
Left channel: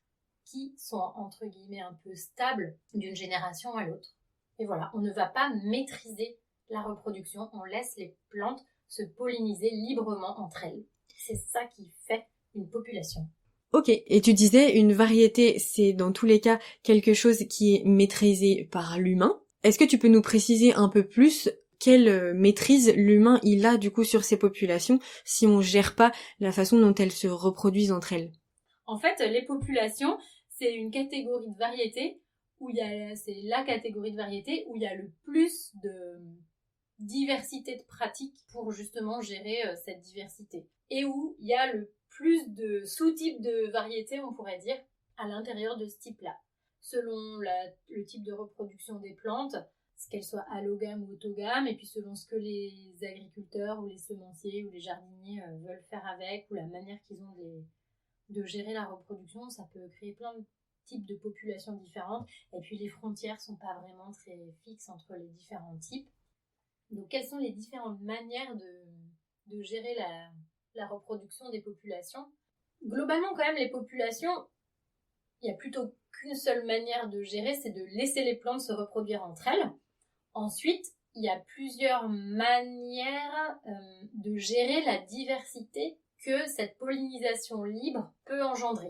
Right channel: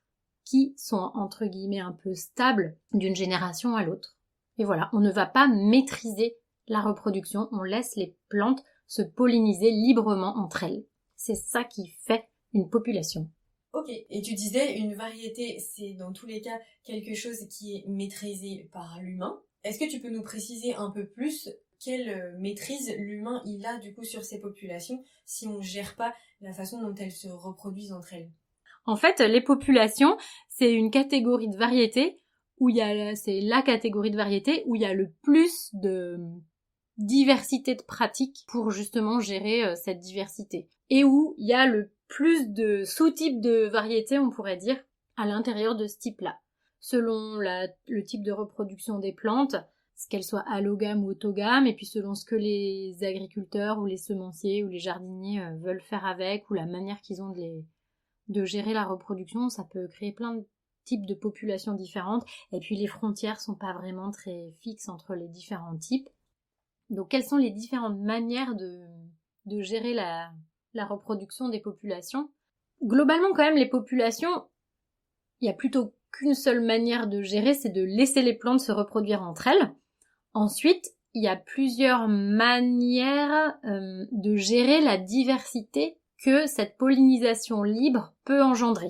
qui sont, entre guillemets, un peu stables d'une génération à l'autre. Et voilà, on ne va pas maîtriser la reproduction, on laisse les plantes se polliniser librement entre elles. C'est ça qui fait une population. Ok, et tu disais une variété, c'est dans tous les cas quelque chose qui est maîtrisé par l'humain. Est-ce que tu peux nous préciser un peu plus quelle maîtrise l'humain il a du coup sur ces populations si on gère pas la façon dont elles se reproduisent entre elles? En fait, les populations, c'est une catégorie de variétés c'est la catégorie de variétés où il y a le plus de diversité de pratiques pour justement gérer cette diversité. Et où il y a le plus de sous-types de variétés, on pourrait dire, à l'intérieur de ce type-là. Selon le type de reproduction des plantes, qu'elles soient allogames ou autogames, et puis selon ce que les agriculteurs ou les semenciers ou les jardiniers veulent faire avec, ou la manière qu'ils ont de gérer la reproduction, ça peut créer plein de types de populations différentes, et puis les frontières sont pas vraiment très fixes entre les différents types. Donc quelles sont les différentes manières de gérer la reproduction des populations? Globalement quand même les populations, il y a plutôt qu'une seule manière de gérer, c'est de laisser les plantes se reproduire entre elles. Ensuite, il y a plusieurs manières de gérer la diversité que cette pollinisation libre peut engendrer.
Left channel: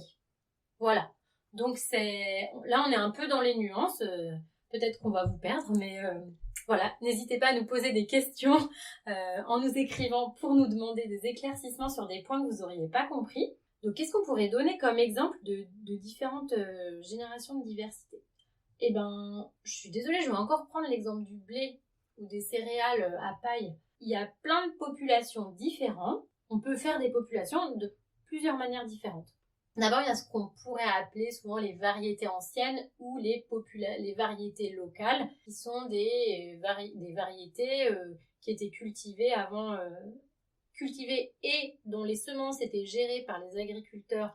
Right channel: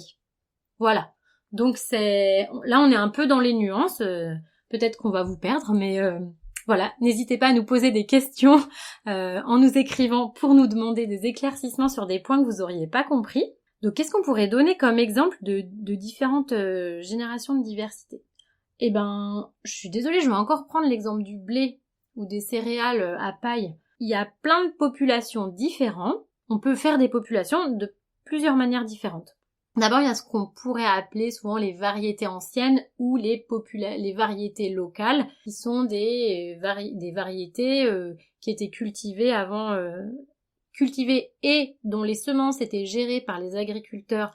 Voilà. Donc là on est un peu dans les nuances, peut-être qu'on va vous perdre, mais voilà, n'hésitez pas à nous poser des questions en nous écrivant pour nous demander des éclaircissements sur des points que vous auriez pas compris. Donc qu'est-ce qu'on pourrait donner comme exemple de différentes générations de diversité? Eh ben, je suis désolée, je vais encore prendre l'exemple du blé ou des céréales à paille. Il y a plein de populations différentes. On peut faire des populations de plusieurs manières différentes. D'abord, il y a ce qu'on pourrait appeler souvent les variétés anciennes ou les variétés locales, qui sont des variétés qui étaient cultivées avant, cultivées et dont les semences étaient gérées par les agriculteurs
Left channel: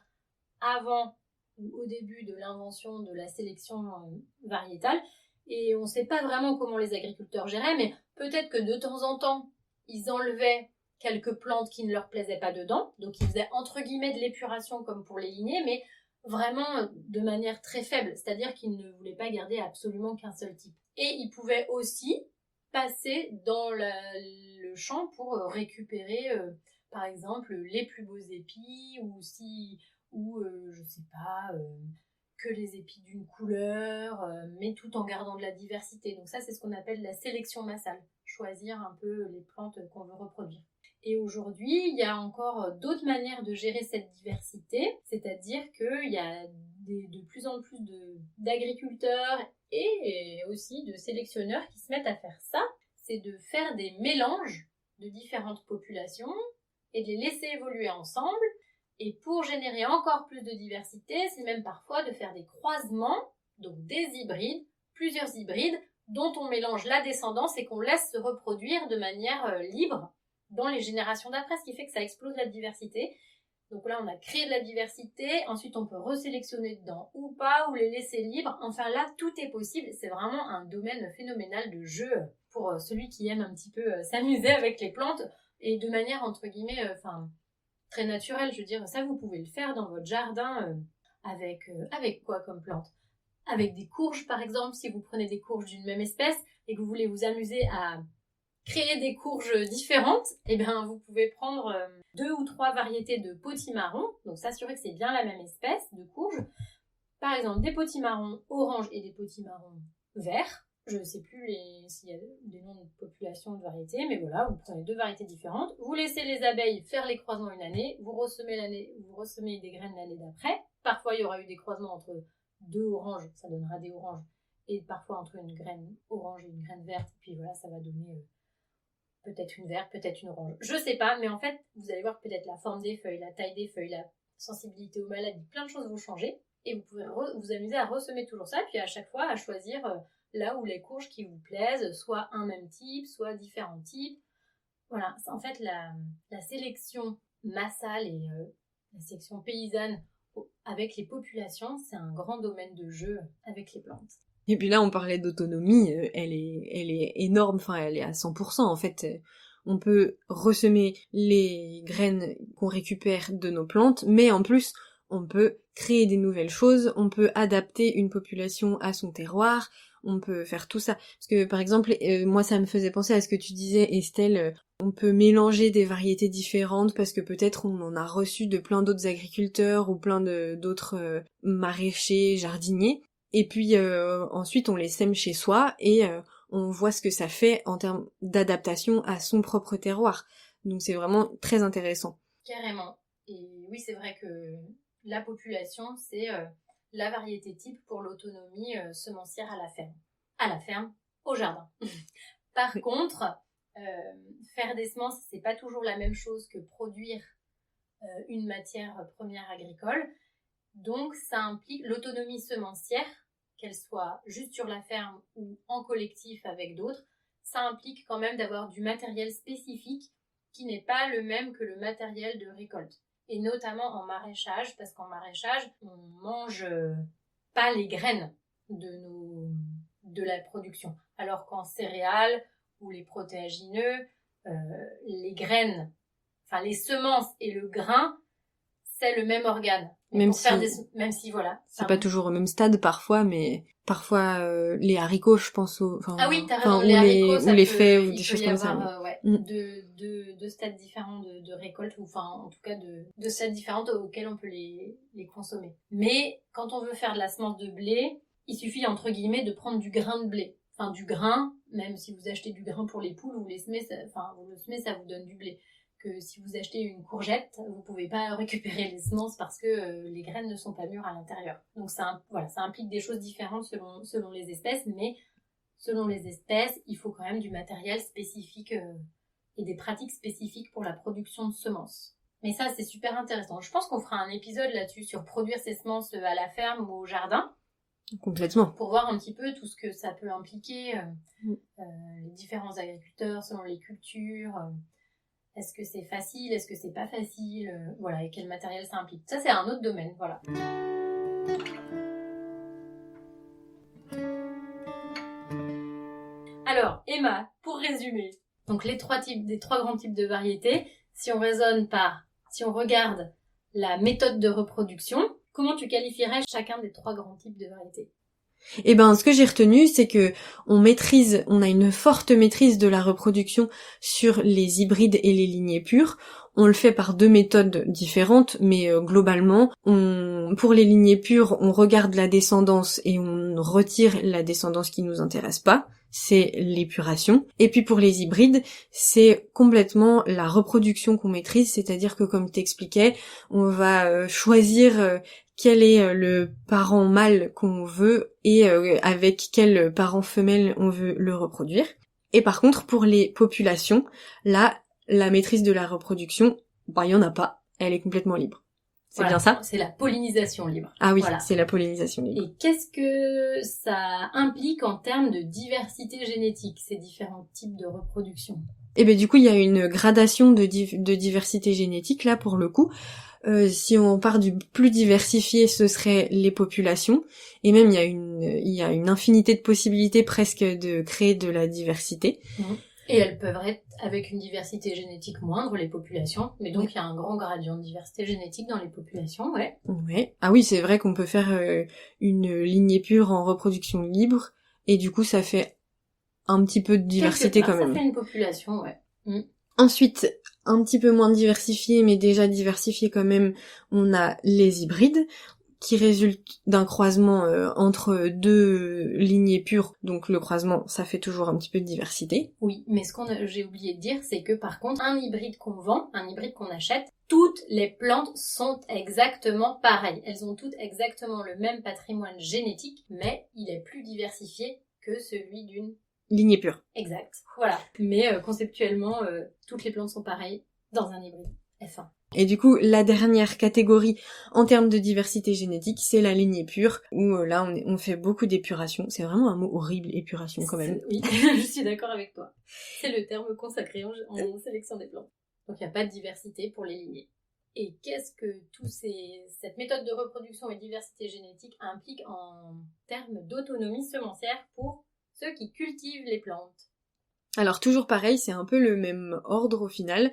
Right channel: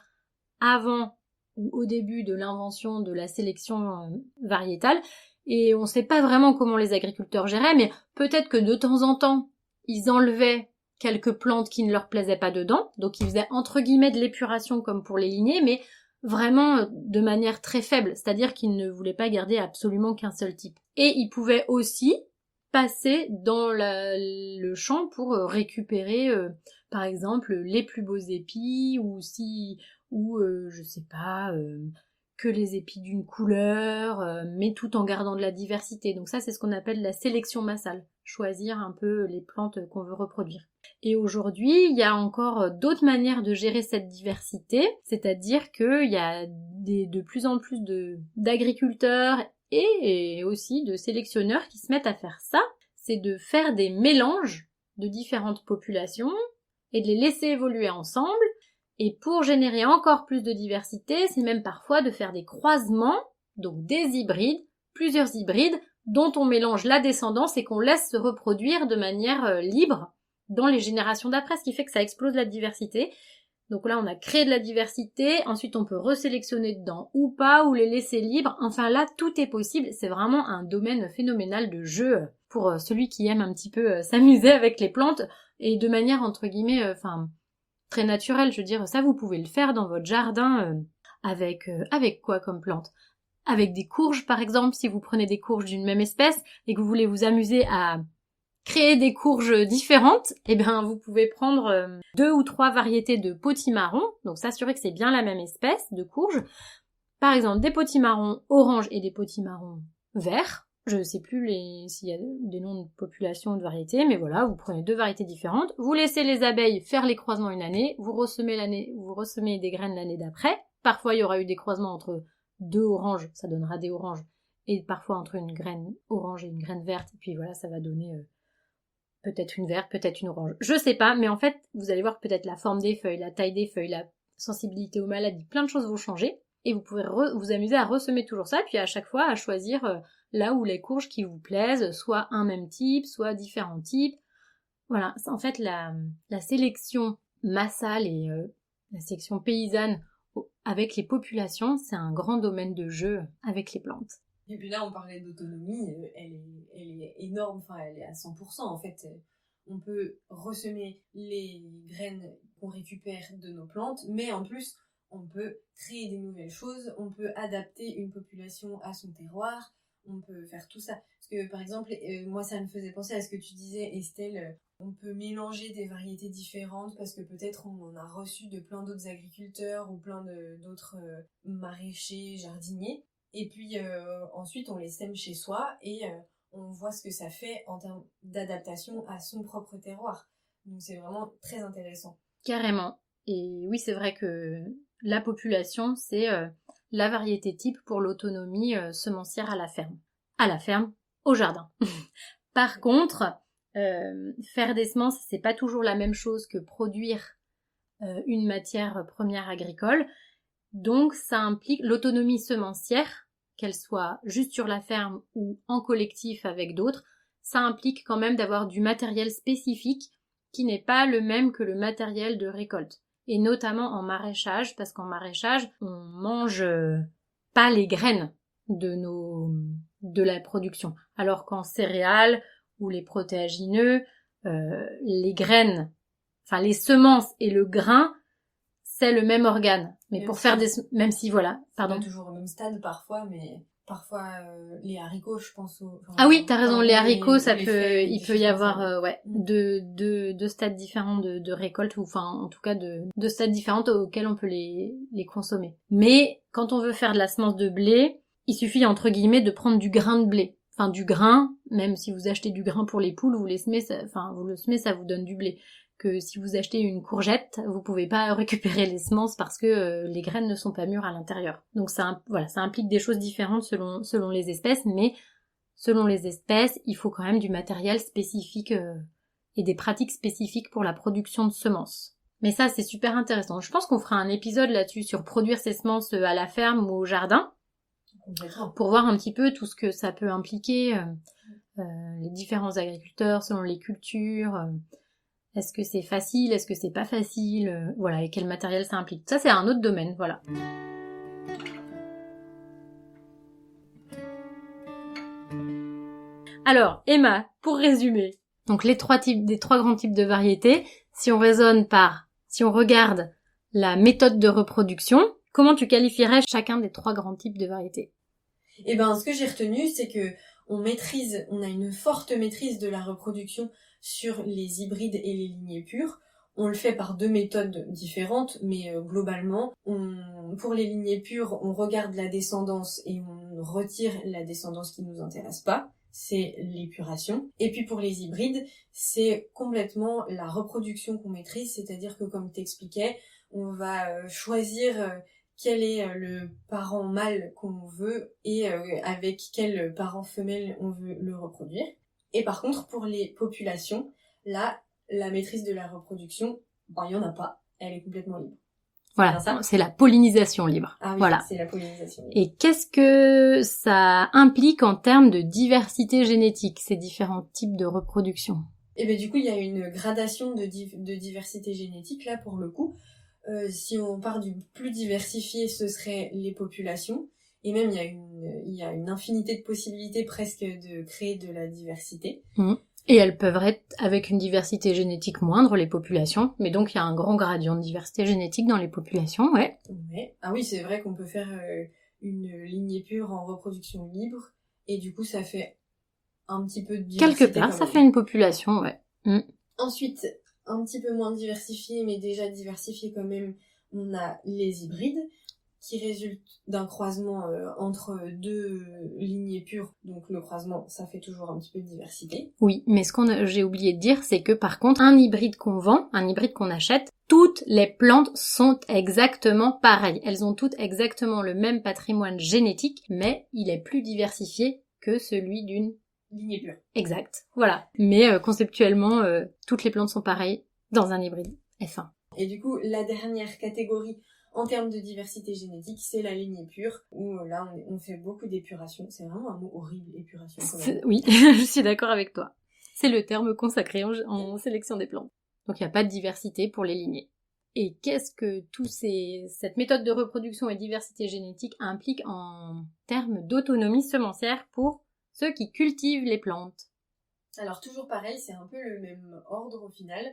avant ou au début de l'invention de la sélection variétale. Et on ne sait pas vraiment comment les agriculteurs géraient, mais peut-être que de temps en temps, ils enlevaient quelques plantes qui ne leur plaisaient pas dedans, donc ils faisaient entre guillemets de l'épuration comme pour les lignées, mais vraiment de manière très faible, c'est-à-dire qu'ils ne voulaient pas garder absolument qu'un seul type. Et ils pouvaient aussi passer dans le champ pour récupérer par exemple les plus beaux épis ou je sais pas que les épis d'une couleur, mais tout en gardant de la diversité. Donc ça, c'est ce qu'on appelle la sélection massale, choisir un peu les plantes qu'on veut reproduire. Et aujourd'hui, il y a encore d'autres manières de gérer cette diversité, c'est-à-dire qu'il y a de plus en plus d'agriculteurs et aussi de sélectionneurs qui se mettent à faire ça, c'est de faire des mélanges de différentes populations et de les laisser évoluer ensemble Et pour générer encore plus de diversité, c'est même parfois de faire des croisements, donc des hybrides, plusieurs hybrides, dont on mélange la descendance et qu'on laisse se reproduire de manière libre dans les générations d'après, ce qui fait que ça explose la diversité. Donc là, on a créé de la diversité, ensuite on peut resélectionner dedans ou pas, ou les laisser libres. Enfin là, tout est possible. C'est vraiment un domaine phénoménal de jeu pour celui qui aime un petit peu s'amuser avec les plantes et de manière, entre guillemets, très naturelle. Je veux dire, ça, vous pouvez le faire dans votre jardin avec quoi comme plante? Avec des courges, par exemple, si vous prenez des courges d'une même espèce et que vous voulez vous amuser à créer des courges différentes, eh bien vous pouvez prendre 2 ou 3 variétés de potimarron, donc s'assurer que c'est bien la même espèce de courge. Par exemple, des potimarrons orange et des potimarrons verts. Je ne sais plus s'il y a des noms de population ou de variétés, mais voilà, vous prenez 2 variétés différentes, vous laissez les abeilles faire les croisements une année, vous ressemez des graines l'année d'après. Parfois, il y aura eu des croisements entre 2 oranges, ça donnera des oranges, et parfois entre une graine orange et une graine verte, et puis voilà, ça va donner peut-être une verte, peut-être une orange. Je sais pas, mais en fait, vous allez voir peut-être la forme des feuilles, la taille des feuilles, la sensibilité aux maladies, plein de choses vont changer. Et vous pouvez vous amuser à ressemer toujours ça, puis à chaque fois à choisir là où les courges qui vous plaisent, soit un même type, soit différents types. Voilà, en fait, la sélection massale et la sélection paysanne avec les populations, c'est un grand domaine de jeu avec les plantes. Et puis là, on parlait d'autonomie, elle est énorme, enfin, elle est à 100%, en fait. On peut ressemer les graines qu'on récupère de nos plantes, mais en plus, on peut créer des nouvelles choses, on peut adapter une population à son terroir, on peut faire tout ça. Parce que, par exemple, moi, ça me faisait penser à ce que tu disais, Estelle, on peut mélanger des variétés différentes parce que peut-être on en a reçu de plein d'autres agriculteurs ou plein d'autres maraîchers, jardiniers. Et puis ensuite on les sème chez soi et on voit ce que ça fait en termes d'adaptation à son propre terroir. Donc c'est vraiment très intéressant. Carrément. Et oui, c'est vrai que la population, c'est la variété type pour l'autonomie semencière à la ferme. À la ferme, au jardin. Par contre, faire des semences, c'est pas toujours la même chose que produire une matière première agricole. Donc ça implique l'autonomie semencière, qu'elle soit juste sur la ferme ou en collectif avec d'autres, ça implique quand même d'avoir du matériel spécifique qui n'est pas le même que le matériel de récolte. Et notamment en maraîchage, parce qu'en maraîchage, on mange pas les graines de la production. Alors qu'en céréales ou les protéagineux, les graines, enfin les semences et le grain, c'est le même organe. Mais même pour faire même si voilà. C'est pas toujours au même stade parfois, mais parfois les haricots, je pense ah oui, t'as raison, les haricots, il peut y avoir deux stades différents de récolte, ou enfin en tout cas de stades différents auxquels on peut les consommer. Mais quand on veut faire de la semence de blé, il suffit entre guillemets de prendre du grain de blé. Enfin du grain, même si vous achetez du grain pour les poules, vous le semez, ça vous donne du blé. Que si vous achetez une courgette, vous pouvez pas récupérer les semences parce que les graines ne sont pas mûres à l'intérieur. Donc ça implique des choses différentes selon les espèces, mais selon les espèces, il faut quand même du matériel spécifique et des pratiques spécifiques pour la production de semences. Mais ça, c'est super intéressant. Je pense qu'on fera un épisode là-dessus sur produire ses semences à la ferme ou au jardin. Complètement. Pour voir un petit peu tout ce que ça peut impliquer, les différents agriculteurs selon les cultures. Est-ce que c'est facile? Est-ce que c'est pas facile? Voilà, et quel matériel ça implique. Ça, c'est un autre domaine, voilà. Alors, Emma, pour résumer, donc des trois grands types de variétés, si on regarde la méthode de reproduction, comment tu qualifierais chacun des 3 grands types de variétés? Eh ben, ce que j'ai retenu, c'est que on a une forte maîtrise de la reproduction sur les hybrides et les lignées pures. On le fait par 2 méthodes différentes, mais globalement, pour les lignées pures, on regarde la descendance et on retire la descendance qui nous intéresse pas. C'est l'épuration. Et puis pour les hybrides, c'est complètement la reproduction qu'on maîtrise, c'est-à-dire que comme t'expliquais, on va choisir quel est le parent mâle qu'on veut et avec quel parent femelle on veut le reproduire. Et par contre, pour les populations, là, la maîtrise de la reproduction, il y en a pas, elle est complètement libre. Voilà, bien ça? c'est la pollinisation libre. Ah oui, voilà. c'est la pollinisation libre. Et qu'est-ce que ça implique en termes de diversité génétique, ces différents types de reproduction? Et ben du coup, il y a une gradation de diversité génétique là pour le coup. Si on part du plus diversifié, ce serait les populations. Et même il y a une infinité de possibilités presque de créer de la diversité. Et elles peuvent être avec une diversité génétique moindre, les populations. Mais donc il y a un grand gradient de diversité génétique dans les populations, ouais. Ouais. Ah oui, c'est vrai qu'on peut faire une lignée pure en reproduction libre. Et du coup, ça fait un petit peu de diversité quand même. Ça fait une population, ouais. Ensuite, un petit peu moins diversifié, mais déjà diversifié quand même, on a les hybrides, qui résultent d'un croisement entre deux lignées pures. Donc le croisement, ça fait toujours un petit peu de diversité. Oui, mais j'ai oublié de dire, c'est que par contre, un hybride qu'on vend, un hybride qu'on achète, toutes les plantes sont exactement pareilles. Elles ont toutes exactement le même patrimoine génétique, mais il est plus diversifié que celui d'une lignée pure. Exact, voilà. Mais conceptuellement, toutes les plantes sont pareilles dans un hybride F1. Et du coup, la dernière catégorie en termes de diversité génétique, c'est la lignée pure, où là, on fait beaucoup d'épuration. C'est vraiment un mot horrible, épuration, quand même. Oui, je suis d'accord avec toi. C'est le terme consacré en sélection des plantes. Donc il n'y a pas de diversité pour les lignées. Et qu'est-ce que cette méthode de reproduction et diversité génétique implique en termes d'autonomie semencière pour ceux qui cultivent les plantes? Alors toujours pareil, c'est un peu le même ordre au final.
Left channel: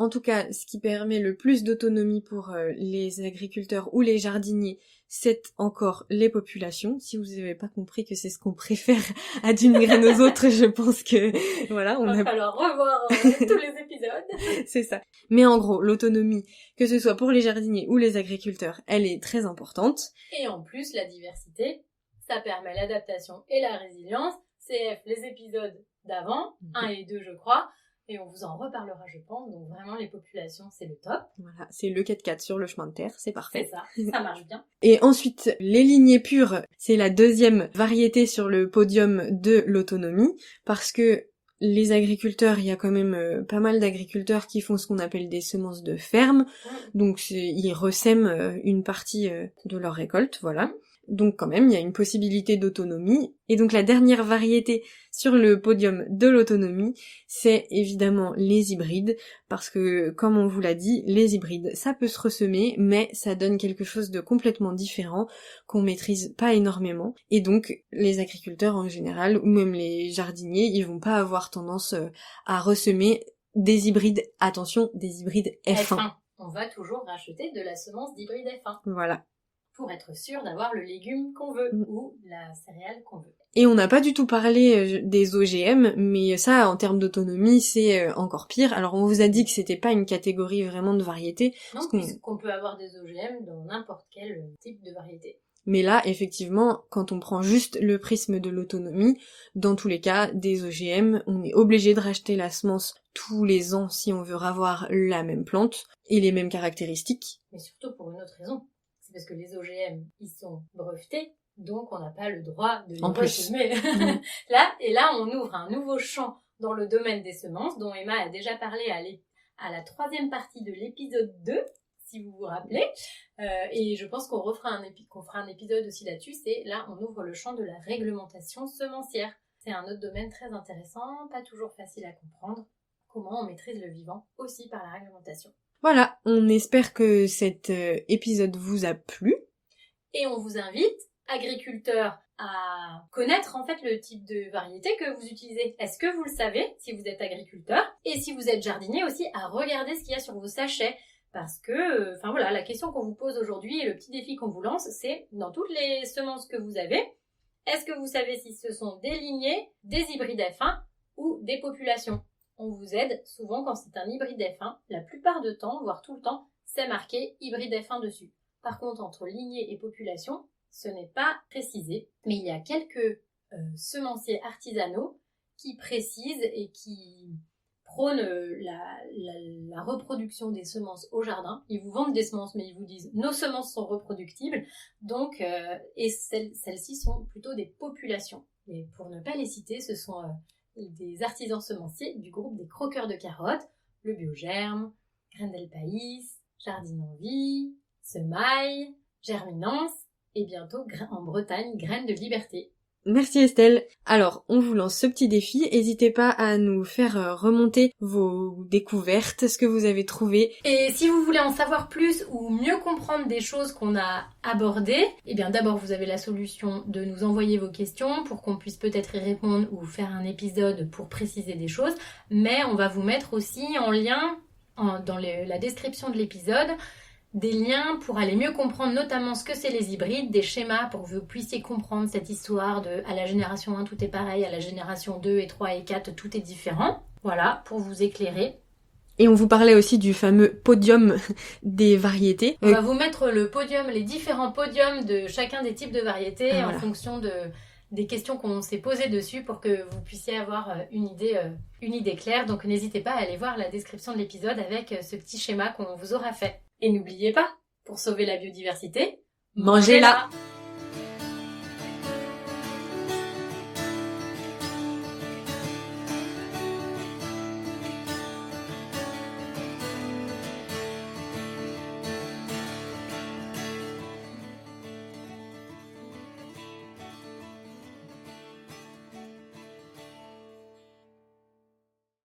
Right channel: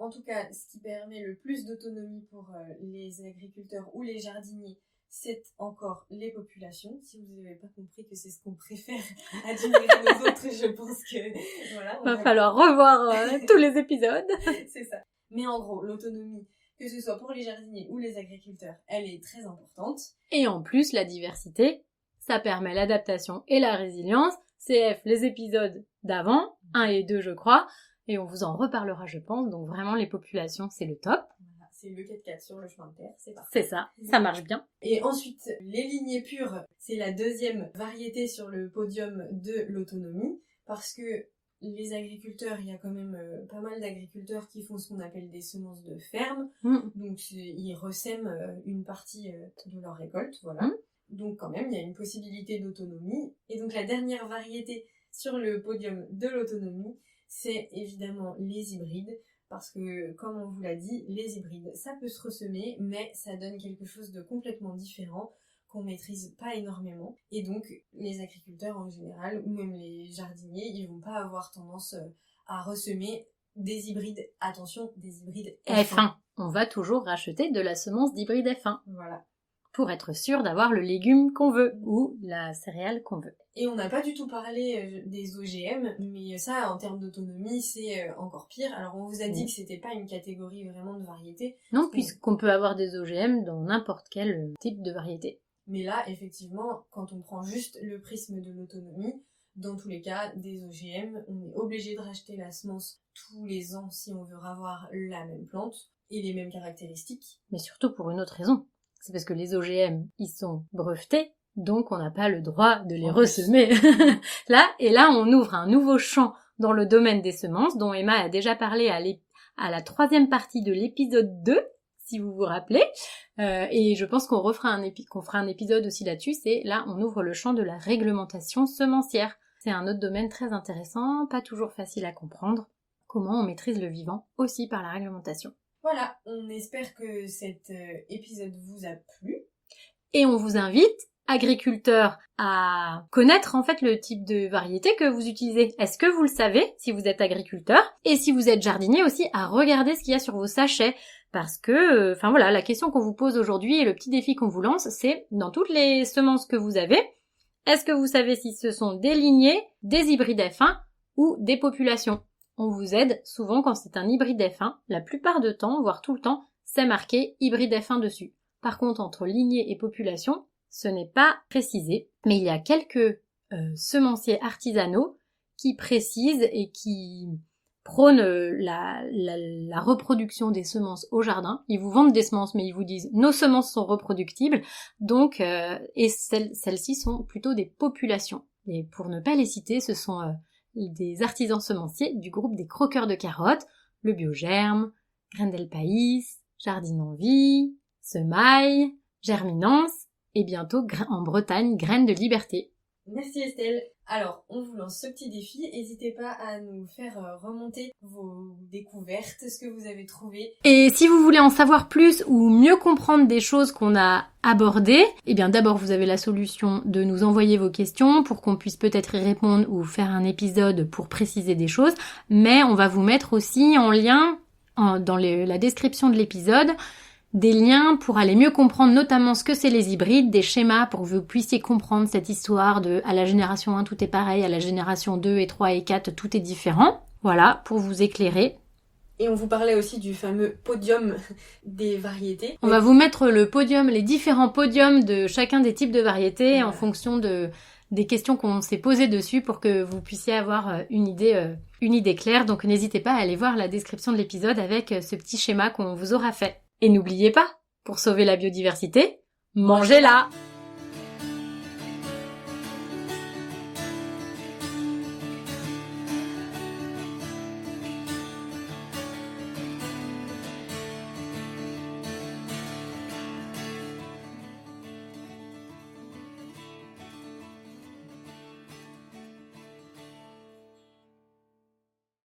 En tout cas, ce qui permet le plus d'autonomie pour les agriculteurs ou les jardiniers, c'est encore les populations. Si vous n'avez pas compris que c'est ce qu'on préfère à d'une graine aux autres, je pense que voilà, va falloir revoir tous les épisodes. C'est ça. Mais en gros, l'autonomie, que ce soit pour les jardiniers ou les agriculteurs, elle est très importante. Et en plus, la diversité, ça permet l'adaptation et la résilience. CF, les épisodes d'avant, 1 et 2 je crois, et on vous en reparlera je pense, donc vraiment les populations c'est le top. Voilà, c'est le 4x4 sur le chemin de terre, c'est parfait. C'est ça, ça marche bien. Et ensuite, les lignées pures, c'est la deuxième variété sur le podium de l'autonomie, parce que les agriculteurs, il y a quand même pas mal d'agriculteurs qui font ce qu'on appelle des semences de ferme, donc ils ressèment une partie de leur récolte, voilà. Donc quand même, il y a une possibilité d'autonomie. Et donc la dernière variété sur le podium de l'autonomie, c'est évidemment les hybrides, parce que comme on vous l'a dit, les hybrides, ça peut se ressemer, mais ça donne quelque chose de complètement différent, qu'on maîtrise pas énormément. Et donc les agriculteurs en général, ou même les jardiniers, ils vont pas avoir tendance à ressemer des hybrides, attention, des hybrides F1. On va toujours racheter de la semence d'hybride F1. Voilà. Pour être sûr d'avoir le légume qu'on veut ou la céréale qu'on veut. Et on n'a pas du tout parlé des OGM, mais ça, en termes d'autonomie, c'est encore pire. Alors on vous a dit que c'était pas une catégorie vraiment de variété. Non, puisqu'on peut avoir des OGM dans n'importe quel type de variété. Mais là, effectivement, quand on prend juste le prisme de l'autonomie, dans tous les cas, des OGM, on est obligé de racheter la semence tous les ans si on veut avoir la même plante et les mêmes caractéristiques. Mais surtout pour une autre raison. C'est parce que les OGM, ils sont brevetés, donc on n'a pas le droit de les ressemer. Là, on ouvre un nouveau champ dans le domaine des semences, dont Emma a déjà parlé à la 3e partie de l'épisode 2, si vous vous rappelez. Et je pense qu'on fera un épisode aussi là-dessus, c'est là, on ouvre le champ de la réglementation semencière. C'est un autre domaine très intéressant, pas toujours facile à comprendre. Comment on maîtrise le vivant aussi par la réglementation. Voilà, on espère que cet épisode vous a plu. Et on vous invite, agriculteurs, à connaître en fait le type de variété que vous utilisez. Est-ce que vous le savez si vous êtes agriculteur? Et si vous êtes jardinier aussi, à regarder ce qu'il y a sur vos sachets. Parce que, la question qu'on vous pose aujourd'hui et le petit défi qu'on vous lance, c'est dans toutes les semences que vous avez, est-ce que vous savez si ce sont des lignées, des hybrides F1 ou des populations? On vous aide souvent quand c'est un hybride F1, la plupart du temps, voire tout le temps, c'est marqué hybride F1 dessus. Par contre, entre lignée et population, ce n'est pas précisé, mais il y a quelques semenciers artisanaux qui précisent et qui prônent la reproduction des semences au jardin. Ils vous vendent des semences, mais ils vous disent « nos semences sont reproductibles », donc, et celles-ci sont plutôt des populations. Et pour ne pas les citer, ce sont des artisans semenciers du groupe des croqueurs de carottes, le Biogerme, Graines del País, Jardine en Vie, semailles, germinance et bientôt en Bretagne, graines de liberté. Merci Estelle. Alors, on vous lance ce petit défi. N'hésitez pas à nous faire remonter vos découvertes, ce que vous avez trouvé. Et si vous voulez en savoir plus ou mieux comprendre des choses qu'on a abordées, eh bien d'abord vous avez la solution de nous envoyer vos questions pour qu'on puisse peut-être y répondre ou faire un épisode pour préciser des choses. Mais on va vous mettre aussi en lien dans la description de l'épisode des liens pour aller mieux comprendre notamment ce que c'est les hybrides, des schémas pour que vous puissiez comprendre cette histoire de à la génération 1 tout est pareil, à la génération 2 et 3 et 4 tout est différent. Voilà, pour vous éclairer. Et on vous parlait aussi du fameux podium des variétés. On va vous mettre le podium, les différents podiums de chacun des types de variétés en fonction des questions qu'on s'est posées dessus pour que vous puissiez avoir une idée claire. Donc n'hésitez pas à aller voir la description de l'épisode avec ce petit schéma qu'on vous aura fait. Et n'oubliez pas, pour sauver la biodiversité, mangez-la!